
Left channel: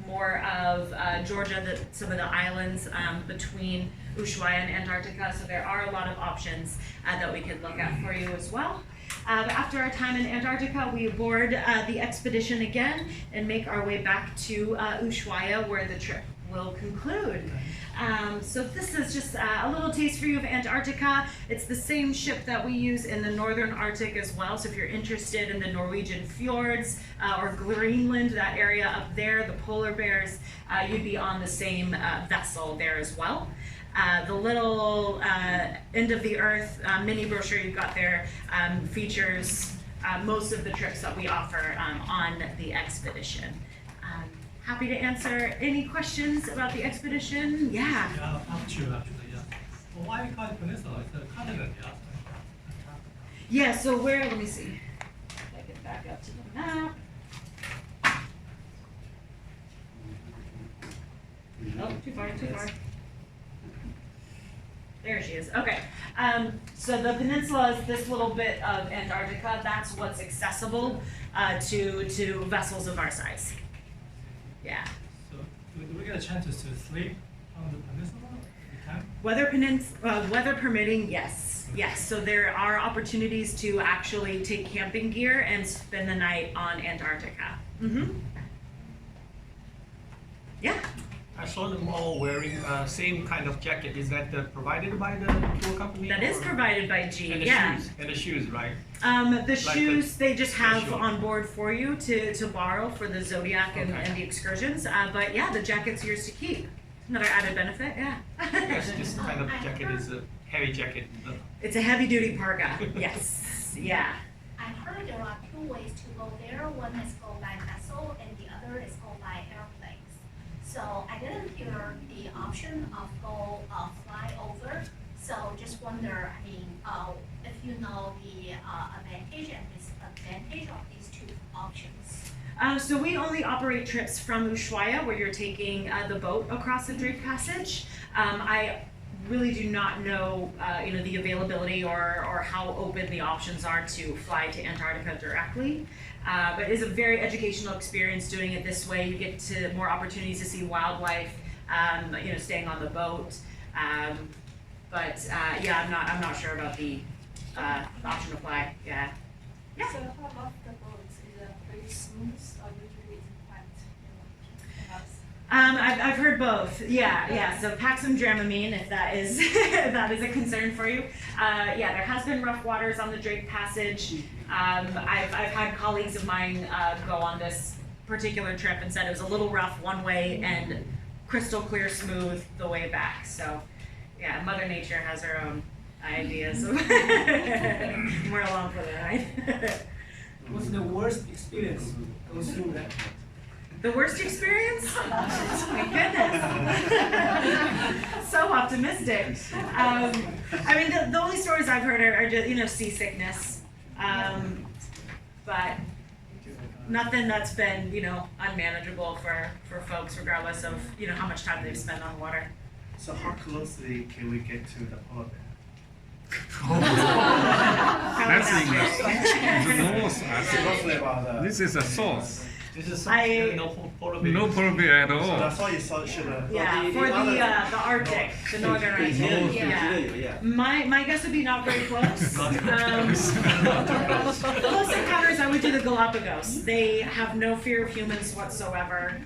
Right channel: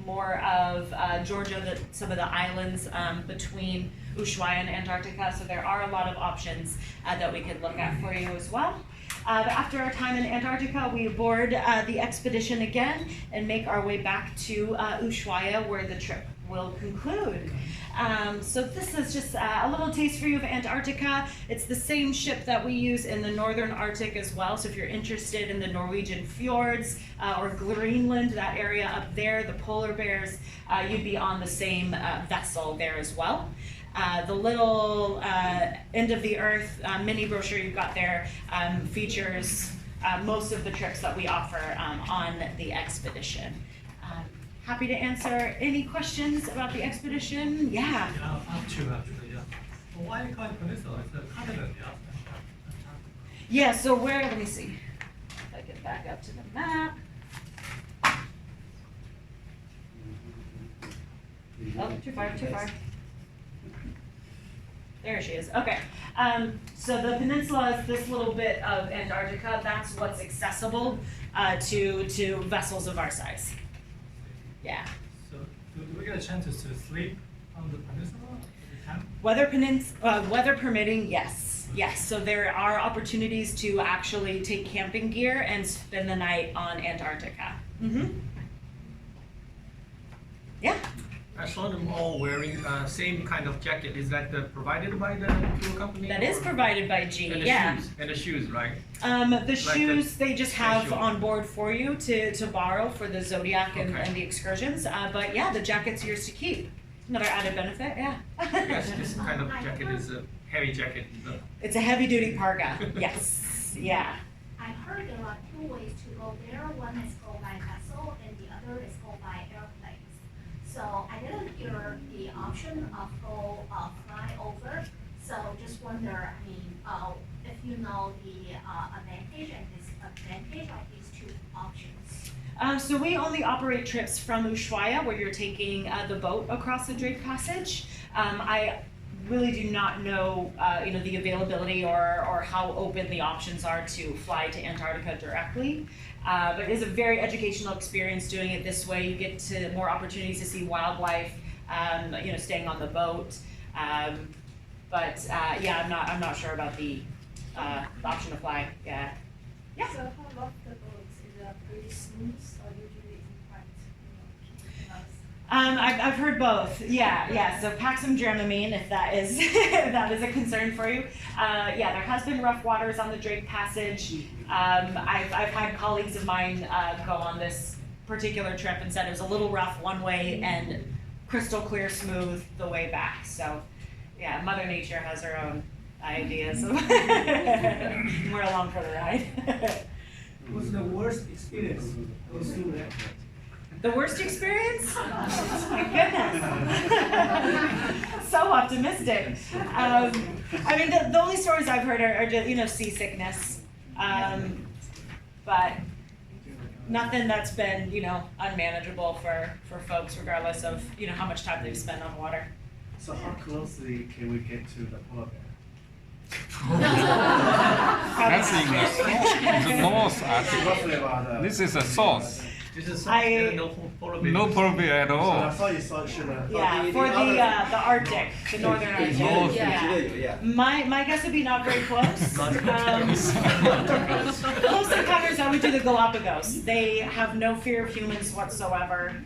more of Georgia, some of the islands between Ushuaia and Antarctica. So there are a lot of options that we could look at for you as well. But after our time in Antarctica, we board the expedition again and make our way back to Ushuaia, where the trip will conclude. So this is just a little taste for you of Antarctica. It's the same ship that we use in the Northern Arctic as well. So if you're interested in the Norwegian fjords or Greenland, that area up there, the polar bears, you'd be on the same vessel there as well. The little end of the earth mini brochure you've got there features most of the trips that we offer on the expedition. Happy to answer any questions about the expedition. Yeah. Yeah, up to actually, yeah. Well, why you call it peninsula? It's a continent, yeah. Yeah, so let me see. If I get back up to the map. Oh, too far. There she is. Okay. So the peninsula is this little bit of Antarctica. That's what's accessible to vessels of our size. Yeah. So do we get a chance to sleep on the peninsula at the camp? Weather permitting, yes. Yes. So there are opportunities to actually take camping gear and spend the night on Antarctica. Mm-hmm. Yeah. I saw them all wearing same kind of jacket. Is that provided by the tour company? That is provided by G. And the yeah. shoes. And the shoes, right? The shoes they just have on board for you to borrow for the Zodiac and the excursions. But yeah, the jacket's yours to keep. Another added benefit, yeah. Yes, this kind of jacket is a heavy jacket. It's a heavy duty parka. Yes. Yeah. I heard there are two ways to go there. One is go by vessel and the other is go by airplanes. So I didn't hear the option of fly over. So just wonder, I mean, if you know the advantage and disadvantage of these two options. So we only operate trips from Ushuaia, where you're taking the boat across the Drake Passage. I really do not know, the availability or how open the options are to fly to Antarctica directly. But it is a very educational experience doing it this way. You get to more opportunities to see wildlife, staying on the boat. Yeah, I'm not sure about the option to fly. Yeah. So how about the boats? Is it pretty smooth or usually it's quite? I've heard both. Yeah. So pack some Dramamine if that is a concern for you. Yeah, there has been rough waters on the Drake Passage. I've had colleagues of mine go on this particular trip and said it was a little rough one way and crystal clear smooth the way back. So yeah, Mother Nature has her own ideas. We're along for the ride. What's the worst experience goes through that? The worst experience? My goodness. So optimistic. I mean, the only stories I've heard are just, seasickness. But nothing that's been, unmanageable for folks, regardless of, how much time they've spent on the water. So how closely can we get to the polar bear? That's in the North Arctic. Roughly about This is a source. This is no polar bear. No polar bear at all. I saw you should Yeah, for the Arctic, the northern Arctic. North. Yeah. My guess would be not very close. Close encounters, I would do the Galapagos. They have no fear of humans whatsoever.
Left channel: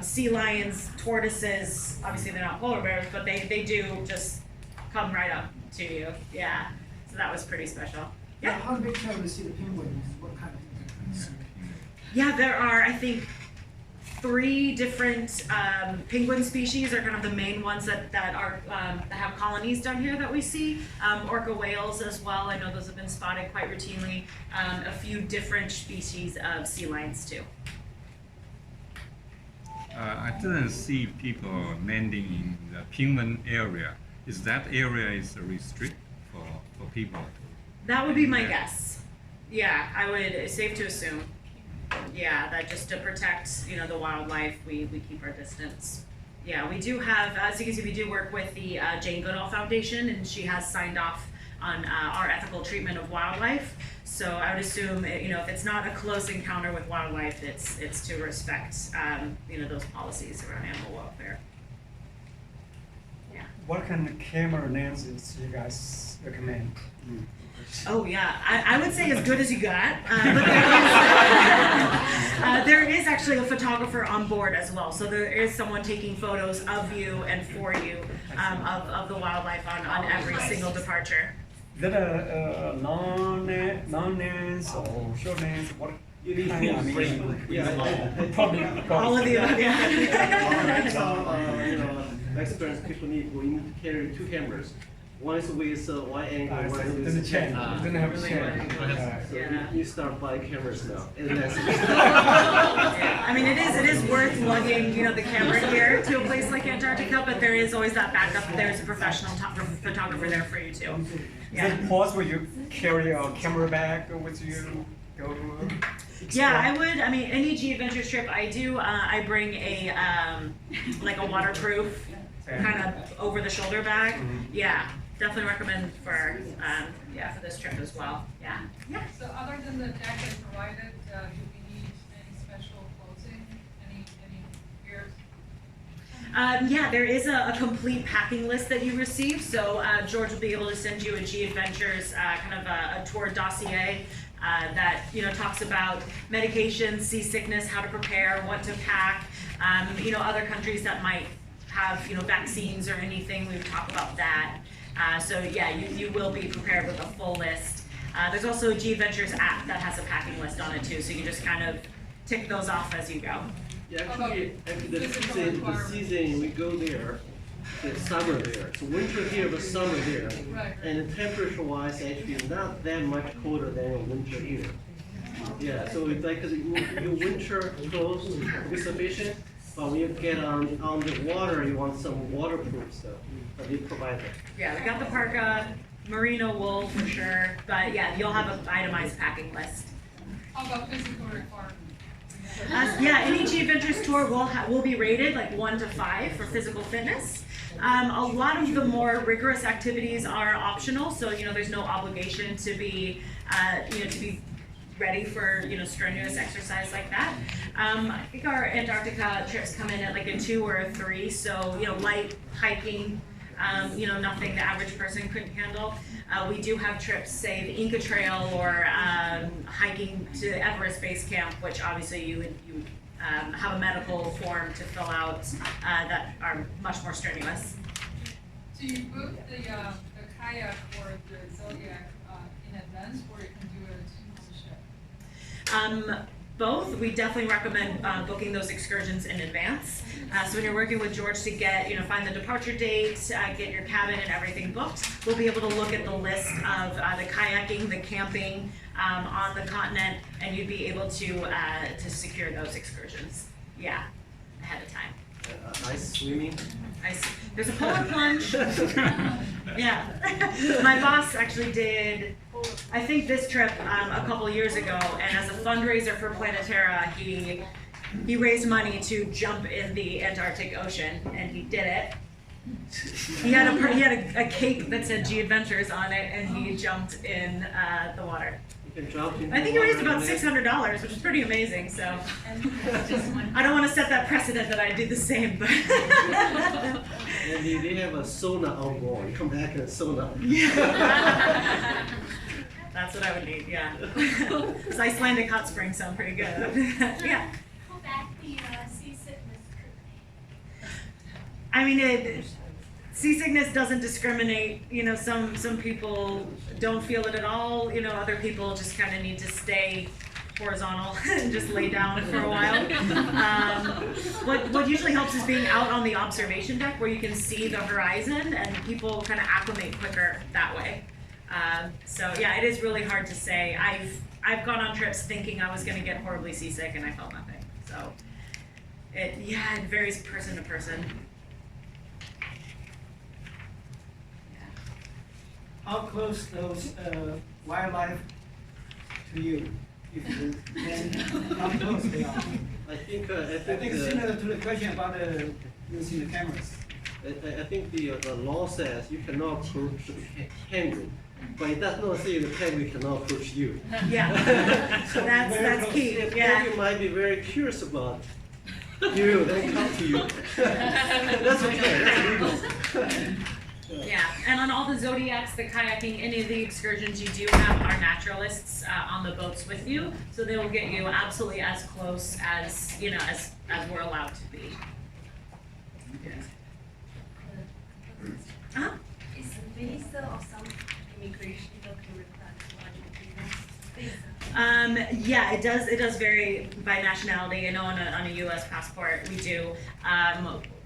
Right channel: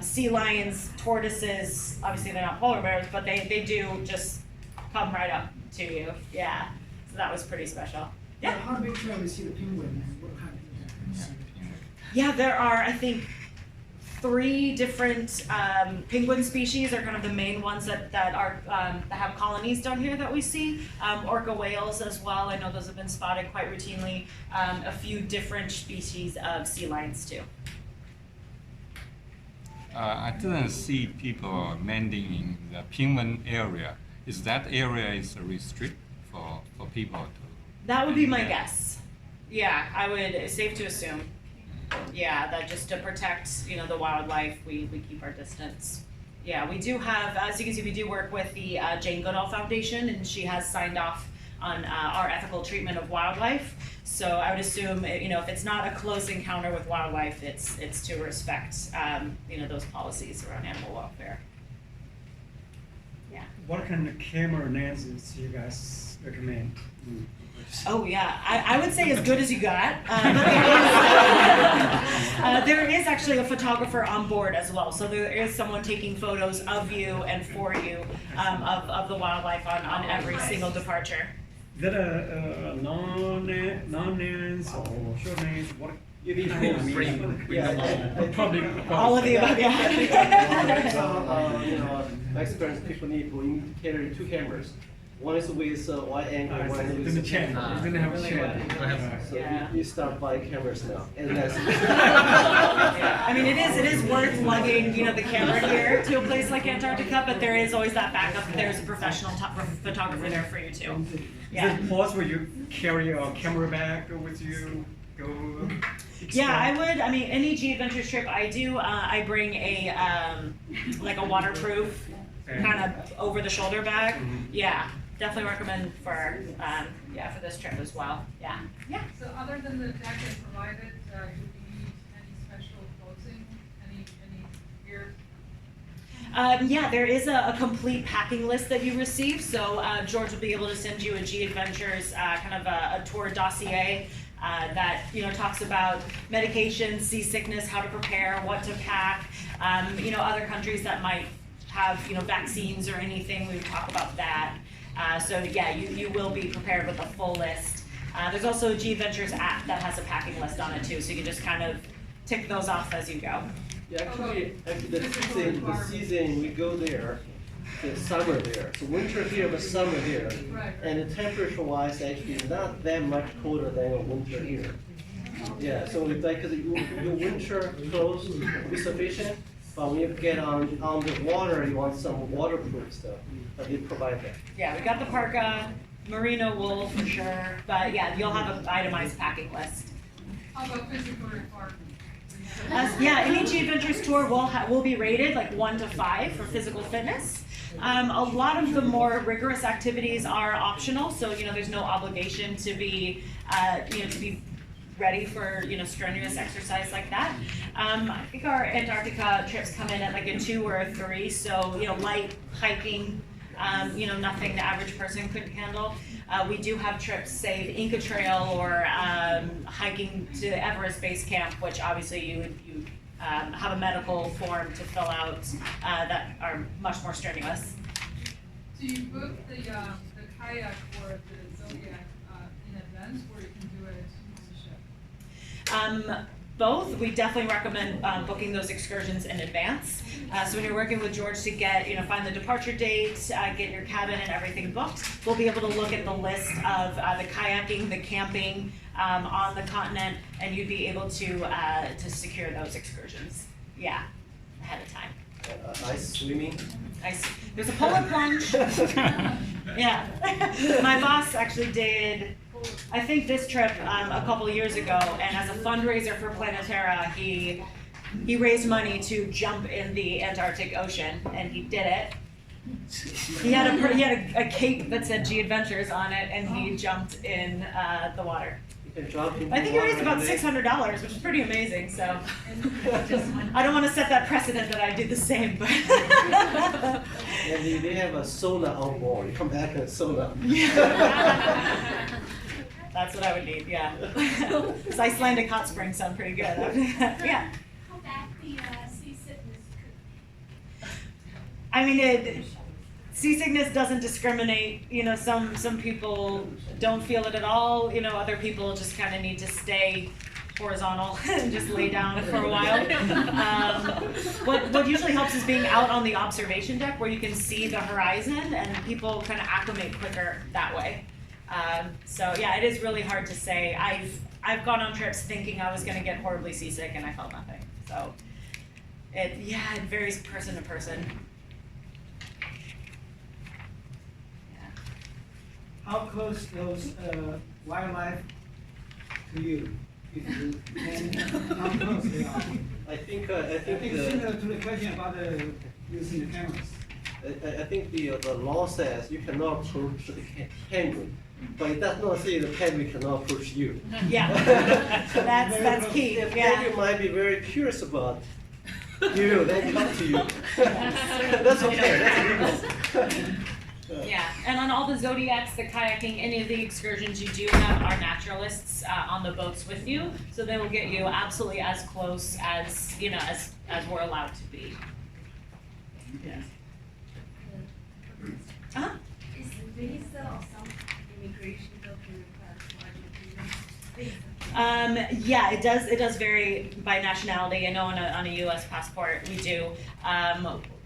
Sea lions, tortoises, obviously they're not polar bears, but they do just come right up to you. Yeah. So that was pretty special. Yeah. How big can we see the penguins? What kind of things? Yeah, there are, I think, 3 different penguin species are kind of the main ones that have colonies down here that we see. Orca whales as well. I know those have been spotted quite routinely. A few different species of sea lions too. I didn't see people landing in the penguin area. Is that area is restricted for people to? That would be my guess. Yeah, it's safe to assume. Yeah, that just to protect, the wildlife, we keep our distance. Yeah, we do have, as you can see, we do work with the Jane Goodall Foundation, and she has signed off on our ethical treatment of wildlife. So I would assume, if it's not a close encounter with wildlife, it's to respect, those policies around animal welfare. Yeah. What kind of camera lenses do you guys recommend? Oh yeah, I would say as good as you got, but there is actually a photographer on board as well. So there is someone taking photos of you and for you of the wildlife on every single departure. Is that a long lens or short lens? What? You need probably all of the above. Yeah. My experience, people need to carry 2 cameras. One is with wide angle, one is with So you start buying cameras now. Yeah. I mean, it is worth lugging, the camera gear to a place like Antarctica, but there is always that backup. There's a professional photographer there for you too. Yeah. Is it possible you carry a camera bag with you? Yeah, I would. I mean, any G-Adventures trip I do, I bring a like a waterproof kind of over-the-shoulder bag. Yeah. Definitely recommend for this trip as well. Yeah. Yeah. So other than the jacket provided, do we need any special clothing? Any gear? Yeah, there is a complete packing list that you receive. So George will be able to send you a G-Adventures kind of a tour dossier that talks about medications, seasickness, how to prepare, what to pack. Other countries that might have vaccines or anything. We would talk about that. So yeah, you will be prepared with a full list. There's also a G-Adventures app that has a packing list on it too, so you can just kind of tick those off as you go. Yeah, actually the season we go there, the summer there. So winter here, but summer here. Right. And the temperature-wise, actually, is not that much colder than a winter here. Yeah, so it's like your winter clothes is sufficient. But when you get on the water, you want some waterproof stuff, but they provide that. Yeah, we got the parka, merino wool for sure, but yeah, you'll have an itemized packing list. How about physical requirements? Yeah, any G-Adventures tour will be rated like 1 to 5 for physical fitness. A lot of the more rigorous activities are optional, so there's no obligation to be ready for strenuous exercise like that. I think our Antarctica trips come in at like a 2 or a 3, so light hiking, nothing the average person couldn't handle. We do have trips, say the Inca Trail or hiking to Everest Base Camp, which obviously you would have a medical form to fill out that are much more strenuous. Do you book the kayak or the Zodiac in advance, or you can do it on the ship? Both. We definitely recommend booking those excursions in advance. So when you're working with George to get, find the departure date, get your cabin and everything booked, we'll be able to look at the list of the kayaking, the camping on the continent, and you'd be able to secure those excursions. Yeah, ahead of time. Ice swimming. There's a polar plunge. Yeah. My boss actually did, I think, this trip a couple years ago, and as a fundraiser for Planetara, he raised money to jump in the Antarctic Ocean, and he did it. He had a cape that said G-Adventures on it, and he jumped in the water. You can jump in I think he raised about $600, which is pretty amazing. So I don't want to set that precedent that I did the same, but. And they have a sauna on board. You come back and sauna. That's what I would need, yeah. This Icelandic hot springs sound pretty good. Yeah. I mean, seasickness doesn't discriminate. You know, some people don't feel it at all. You know, other people just kind of need to stay horizontal and just lay down for a while. What usually helps is being out on the observation deck where you can see the horizon, and people kind of acclimate quicker that way. So yeah, it is really hard to say. I've gone on trips thinking I was going to get horribly seasick, and I felt nothing. So it varies person to person. How close those wildlife to you? If you can, how close they are? I think similar to the question about using the cameras. I think the law says you cannot approach the penguin, but it does not say the penguin cannot approach you. Yeah, that's key. The Yeah. penguin might be very curious about you. They come to you. That's okay. Yeah, and on all the zodiacs, the kayaking, any of the excursions, you do have our naturalists on the boats with you, so they will get you absolutely as close as as we're allowed to be. Yeah. Uh-huh. Is visa or some immigration document? Yeah, it does vary by nationality. I know on a U.S. passport we do.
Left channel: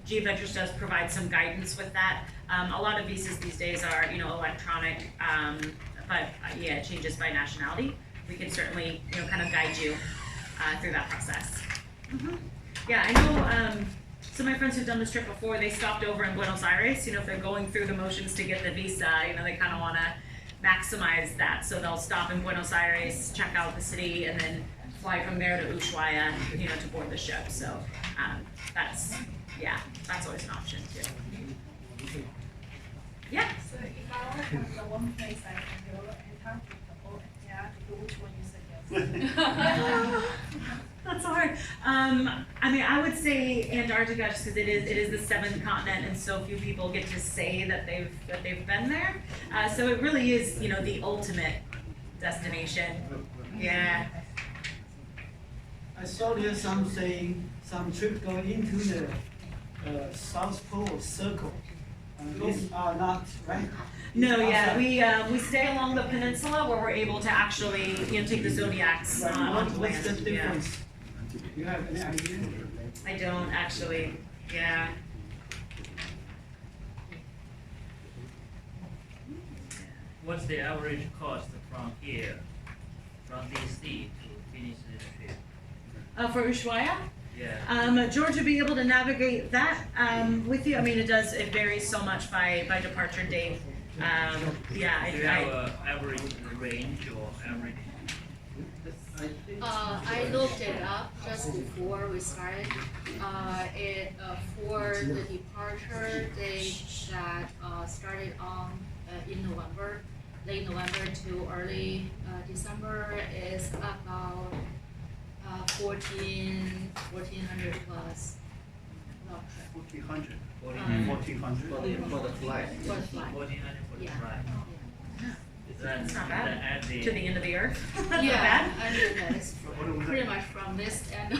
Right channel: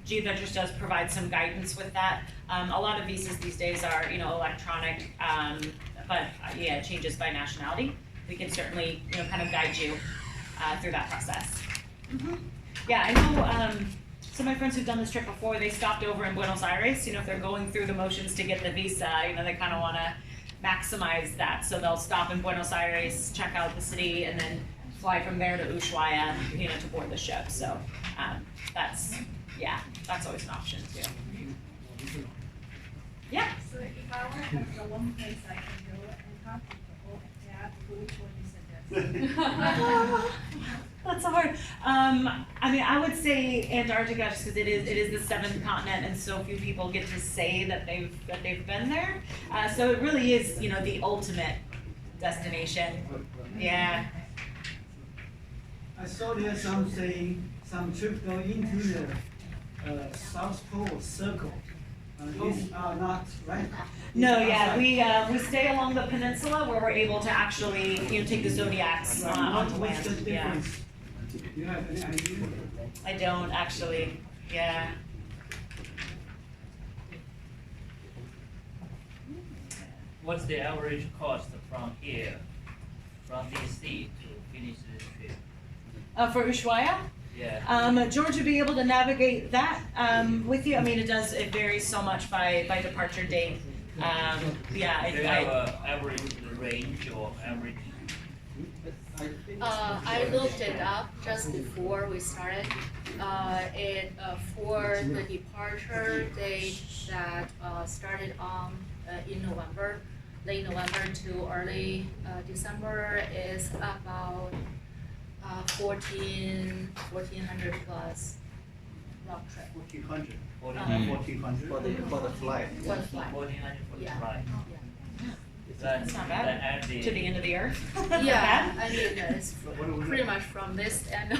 G-Adventures does provide some guidance with that. A lot of visas these days are, electronic, but yeah, it changes by nationality. We can certainly, kind of guide you through that process. Mm-hmm. Yeah, I know some of my friends who've done this trip before, they stopped over in Buenos Aires. If they're going through the motions to get the visa, they kind of want to maximize that. So they'll stop in Buenos Aires, check out the city, and then fly from there to Ushuaia, to board the ship. So that's always an option too. Yeah. So if I want to have the one place I can go and talk to people, which one you suggest? That's hard. I mean, I would say Antarctica, just because it is the seventh continent, and so few people get to say that they've been there. So it really is, the ultimate destination. Yeah. I saw there's some trip going into the South Pole Circle. These are not right. No, yeah, we stay along the peninsula where we're able to actually take the zodiacs onto land. What's the difference? Do you have any idea? I don't actually. Yeah. What's the average cost from here, from DC to finish this trip? For Ushuaia? Yeah. George would be able to navigate that with you. I mean, it varies so much by departure date. Yeah. Do you have an average range or average? I looked it up just before we started. For the departure date that started on in November, late November to early December is about 1,400 plus long trip. 1,400. 1,400 for the flight. For the flight. 1,400 for the flight. It's not bad. To the end of the earth. Yeah, I mean, it's pretty much from this end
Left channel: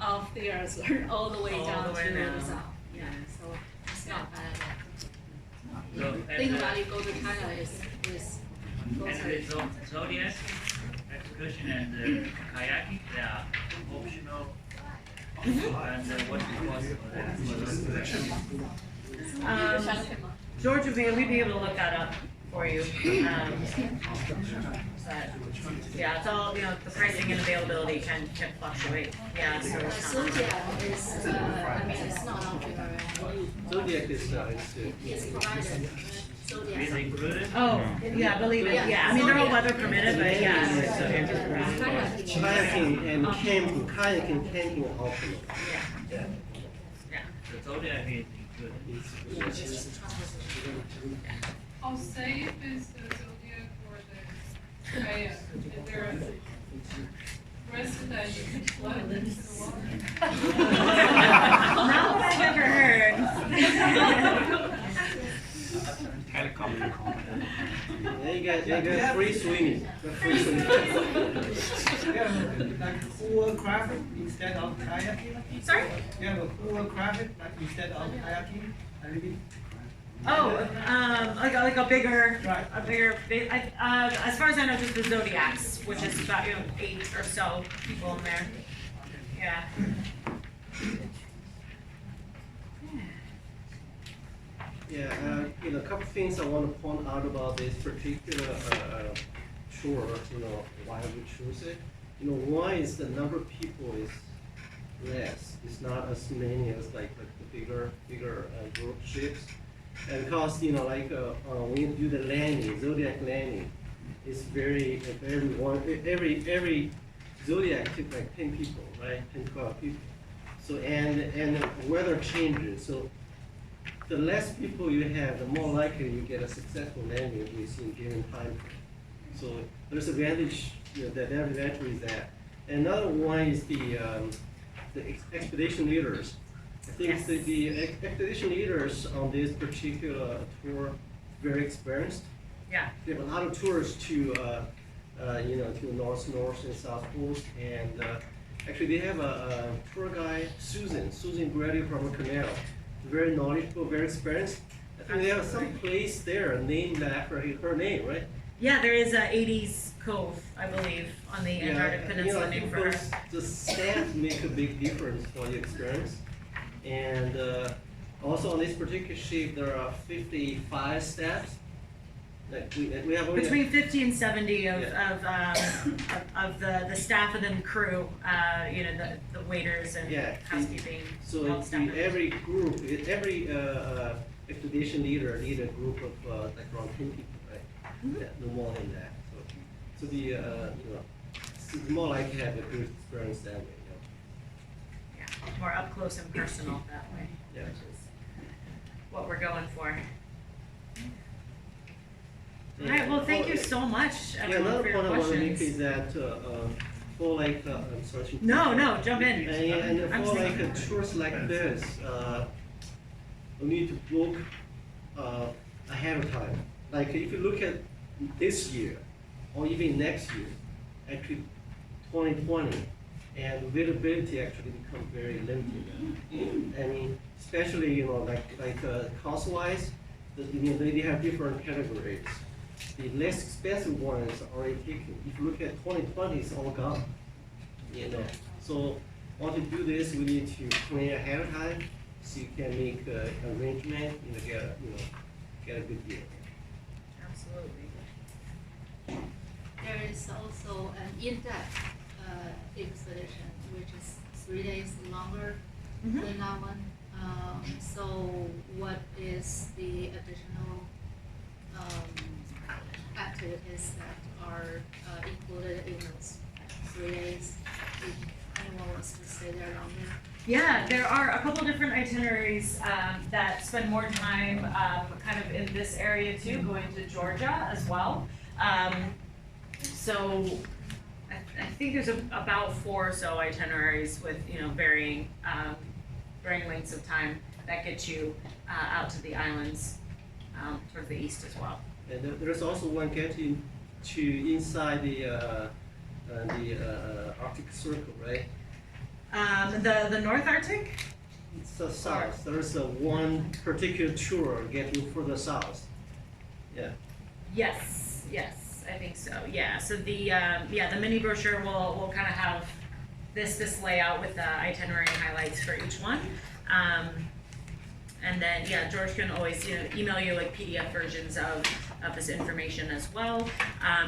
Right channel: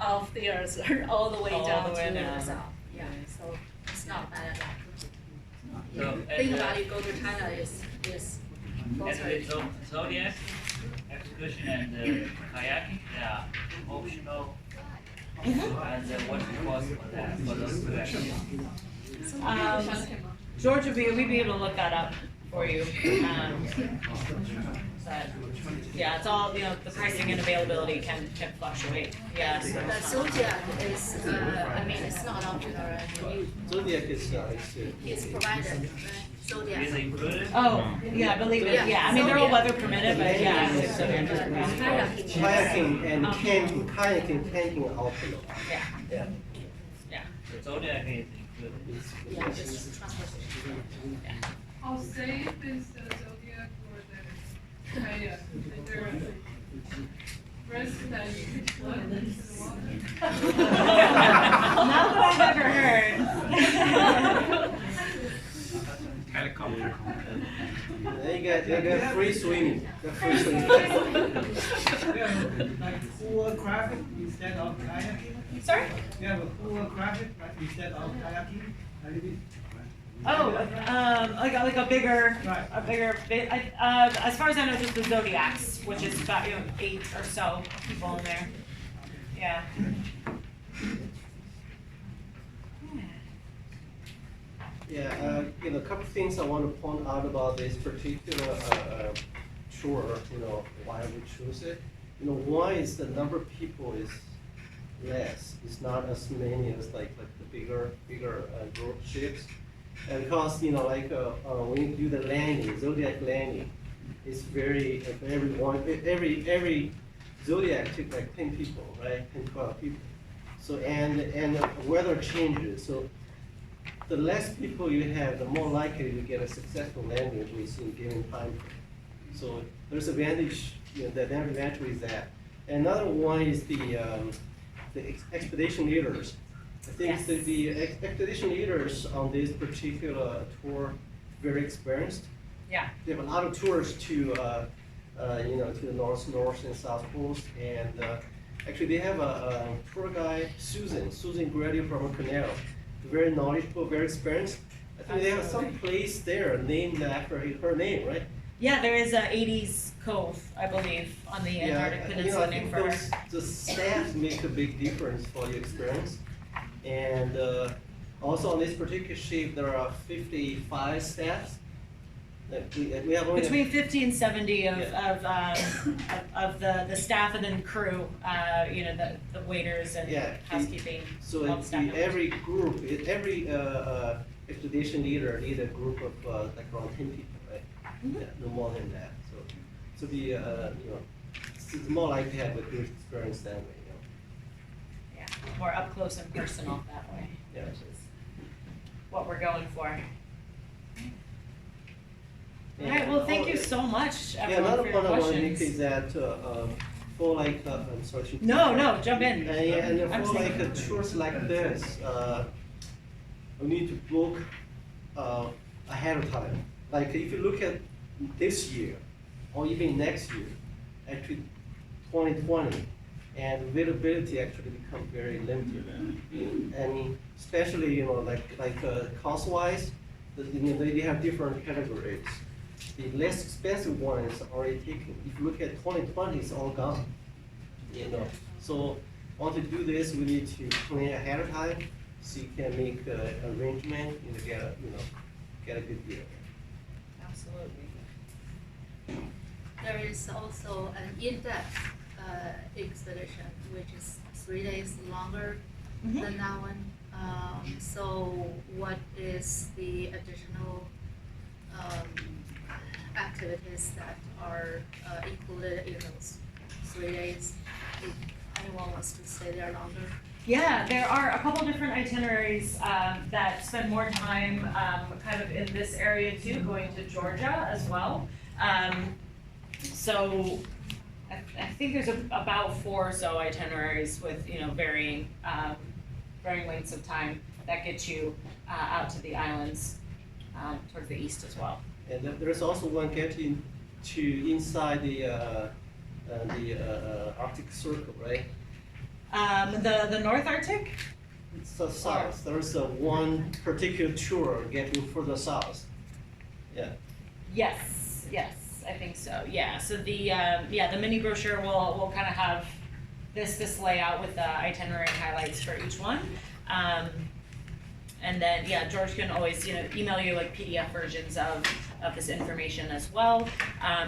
of the earth all the way down to the south. Yeah, so it's not bad at all. So, Think about it, go to China is and the Zodiac excursion and kayaking, they are optional. And what the cost for that, for those two? George we'd be able to look that up for you. But yeah, it's all, the pricing and availability can fluctuate. Yeah, so it's not. Zodiac is, I mean, it's not optional. Zodiac is It's provided. Zodiac. Is it included? Oh, yeah, I believe it. Yeah, I mean, they're all weather permitted, but yeah, Zodiac is provided. Kayaking and camping are optional. Yeah. The Zodiac is included. How safe is the zodiac for the kayak? Is there a risk that you could flood into the water? Not what I've ever heard. Helicopter. You got free swimming. Free swimming. Like full traffic instead of kayaking? Sorry? You have a full traffic instead of kayaking? A little bit? Oh, like a bigger, as far as I know, just the Zodiacs, which is about 8 or so people in there. Yeah. Yeah, a couple things I want to point out about this particular tour. Why we choose it. One is the number of people is less. It's not as many as like the bigger group ships. And because when you do the landing, zodiac landing, it's every zodiac took like 10 people, right? 10, 12 people. So and the weather changes. So the less people you have, the more likely you get a successful landing within given time frame. So there's advantage. The advantage is that. Another one is the expedition leaders. I think the expedition leaders on this particular tour very experienced. Yeah. They have a lot of tours to to the north and south coast, and actually they have a tour guide, Susan graduated from Cornell, very knowledgeable, very experienced. I think they have some place there named after her name, right? Yeah, there is a 80s Cove, I believe, on the Antarctic Peninsula named for her. The staff make a big difference for the experience. And also on this particular ship, there are 55 staffs. Like we have only between 50 and 70 of the staff and then crew, the waiters and housekeeping. So every group, every expedition leader need a group of like around 10 people, right? Yeah, no more than that. So the it's more likely to have a good experience that way. More up close and personal that way, which is what we're going for. All right, well, thank you so much, everyone, for your questions. Another point I want to make is that for like, I'm sorry. No, jump in. And for like tours like this, we need to book ahead of time. Like if you look at this year, or even next year, actually 2020, and availability actually become very limited. I mean, especially like cost-wise, they have different categories. The less expensive ones are already taken. If you look at 2020, it's all gone. So once you do this, we need to plan ahead of time so you can make arrangement and get a good deal. Absolutely. There is also an in-depth expedition, which is 3 days longer than that one. So what is the additional activities that are included in those 3 days? If anyone wants to stay there longer? Yeah, there are a couple different itineraries that spend more time kind of in this area too, going to Georgia as well. So I think there's about 4 or so itineraries with varying lengths of time that get you out to the islands towards the east as well. And there's also one getting to inside the Arctic Circle, right? The North Arctic? It's the south. There's one particular tour getting further south. Yeah. Yes, I think so. Yeah. So the mini brochure will kind of have this layout with the itinerary highlights for each one. And then George can always email you like PDF versions of this information as well.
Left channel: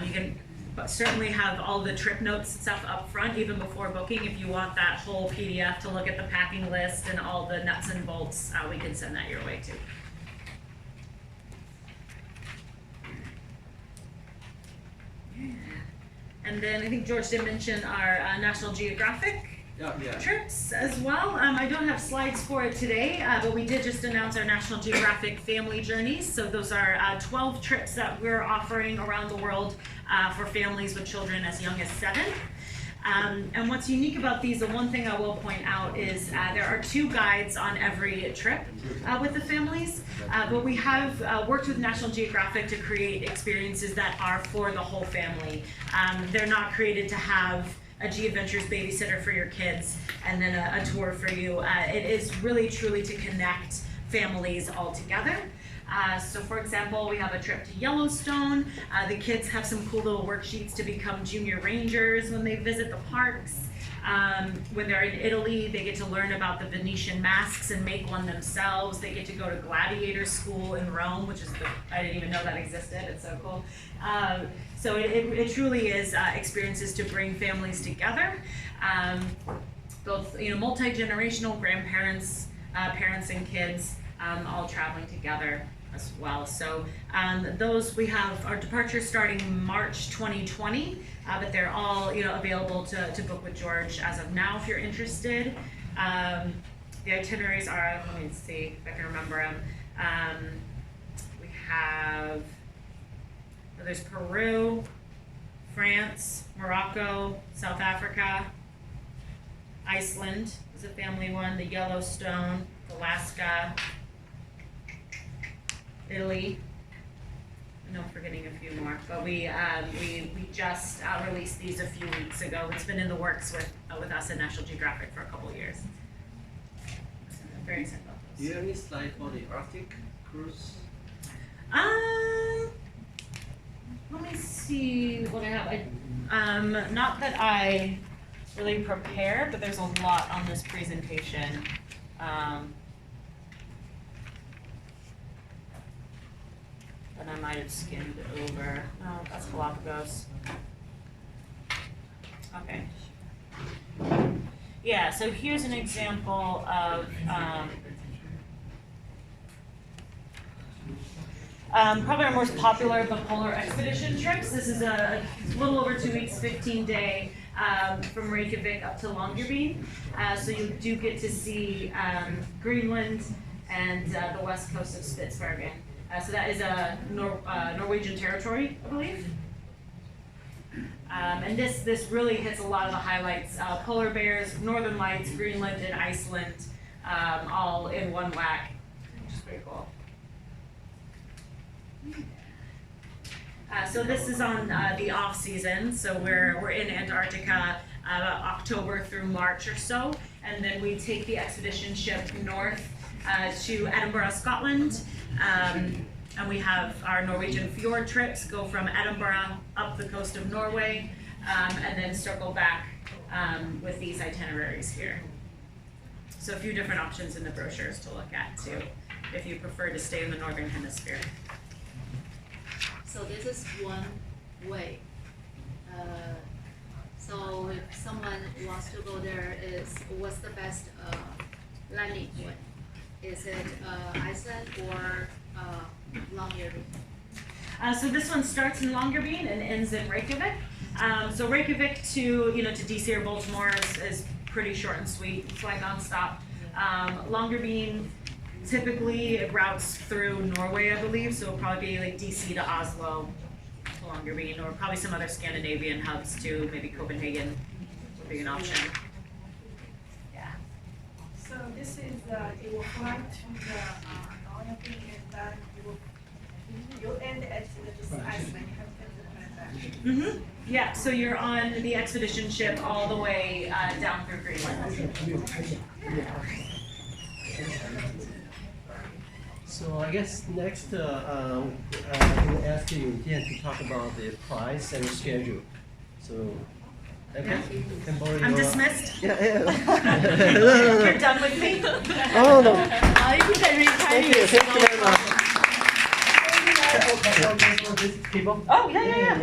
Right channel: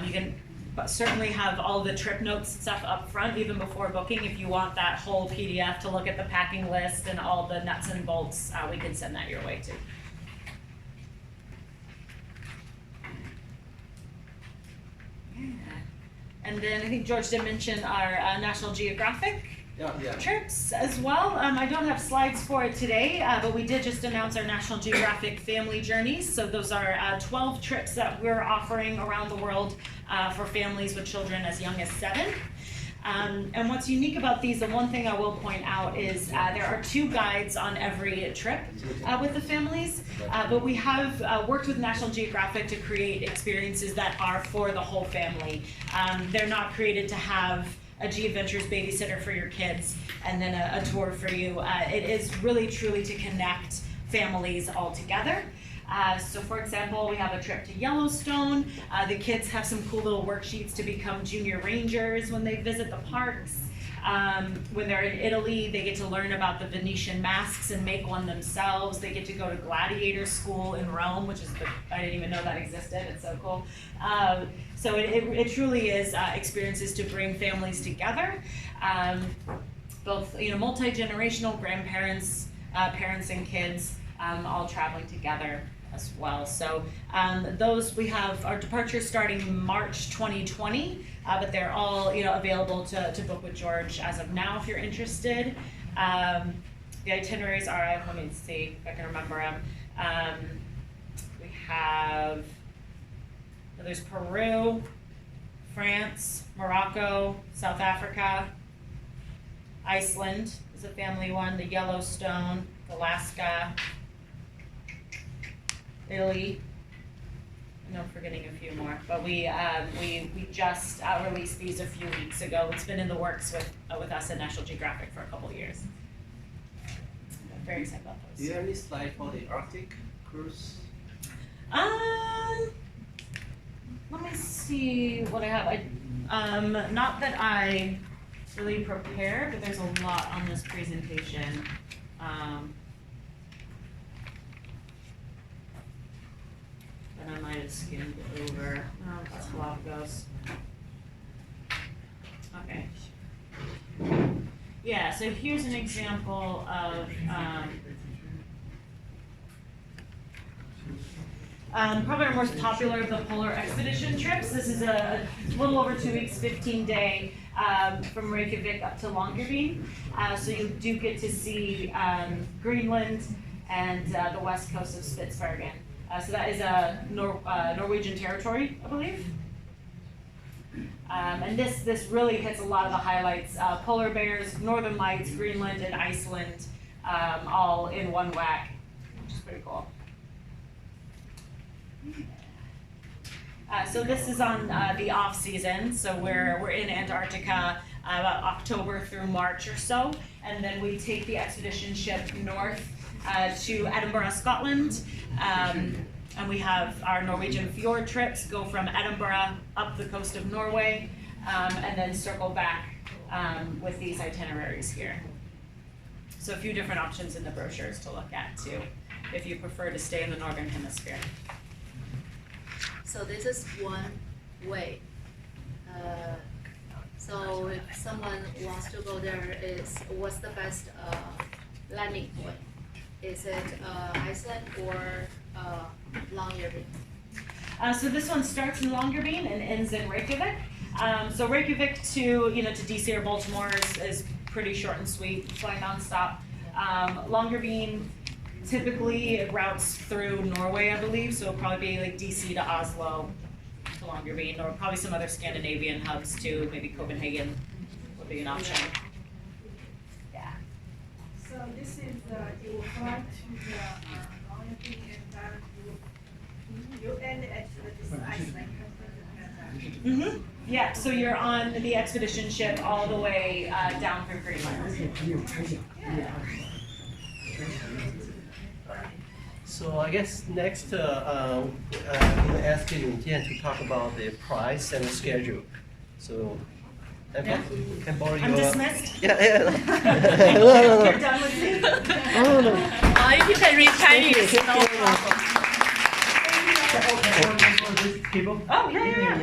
You can certainly have all the trip notes and stuff up front even before booking. If you want that whole PDF to look at the packing list and all the nuts and bolts, we can send that your way too. And then I think George did mention our National Geographic trips as well. I don't have slides for it today, but we did just announce our National Geographic Family Journeys. So those are 12 trips that we're offering around the world for families with children as young as 7. And what's unique about these, the one thing I will point out is there are 2 guides on every trip with the families, but we have worked with National Geographic to create experiences that are for the whole family. They're not created to have a G-Adventures babysitter for your kids and then a tour for you. It is really truly to connect families all together. So for example, we have a trip to Yellowstone. The kids have some cool little worksheets to become junior rangers when they visit the parks. When they're in Italy, they get to learn about the Venetian masks and make one themselves. They get to go to gladiator school in Rome, which is, I didn't even know that existed. It's so cool. So it truly is experiences to bring families together. Both, multi-generational grandparents, parents and kids, all traveling together as well. So those, we have our departures starting March 2020, but they're all available to book with George as of now if you're interested. The itineraries are, let me see if I can remember them. We have, there's Peru, France, Morocco, South Africa, Iceland is a family one, the Yellowstone, Alaska, Italy. I know I'm forgetting a few more, but we just released these a few weeks ago. It's been in the works with us at National Geographic for a couple of years. I'm very excited about those. Do you have any slide for the Arctic cruise? Let me see what I have. Not that I really prepared, but there's a lot on this presentation. But I might have skimmed over. No, that's Galapagos. Okay. Yeah, so here's an example of probably our most popular of the polar expedition trips. This is a little over 2 weeks, 15-day from Reykjavik up to Longyearbyen. So you do get to see Greenland and the west coast of Spitsbergen. So that is a Norwegian territory, I believe. And this really hits a lot of the highlights. Polar bears, northern lights, Greenland, and Iceland, all in one whack, which is pretty cool. So this is on the off season. So we're in Antarctica October through March or so, and then we take the expedition ship north to Edinburgh, Scotland. And we have our Norwegian fjord trips, go from Edinburgh up the coast of Norway, and then circle back with these itineraries here. So a few different options in the brochures to look at too, if you prefer to stay in the Northern Hemisphere. So this is one way. So if someone wants to go there, what's the best landing point? Is it Iceland or Longyearbyen? So this one starts in Longyearbyen and ends in Reykjavik. So Reykjavik to DC or Baltimore is pretty short and sweet, fly nonstop. Longyearbyen typically it routes through Norway, I believe, so it'll probably be like DC to Oslo to Longyearbyen, or probably some other Scandinavian hubs too, maybe Copenhagen would be an option. Yeah. So this is you will fly to the Longyearbyen and then you end at this Iceland. Mm-hmm. Yeah, so you're on the expedition ship all the way down through Greenland. Yeah. So I guess next, I'm going to ask you again to talk about the price and the schedule. So, yeah. Can borrow I'm your, dismissed. Yeah, yeah. No. You're done with me. Oh no. You can read Chinese. Thank you very much. Oh yeah.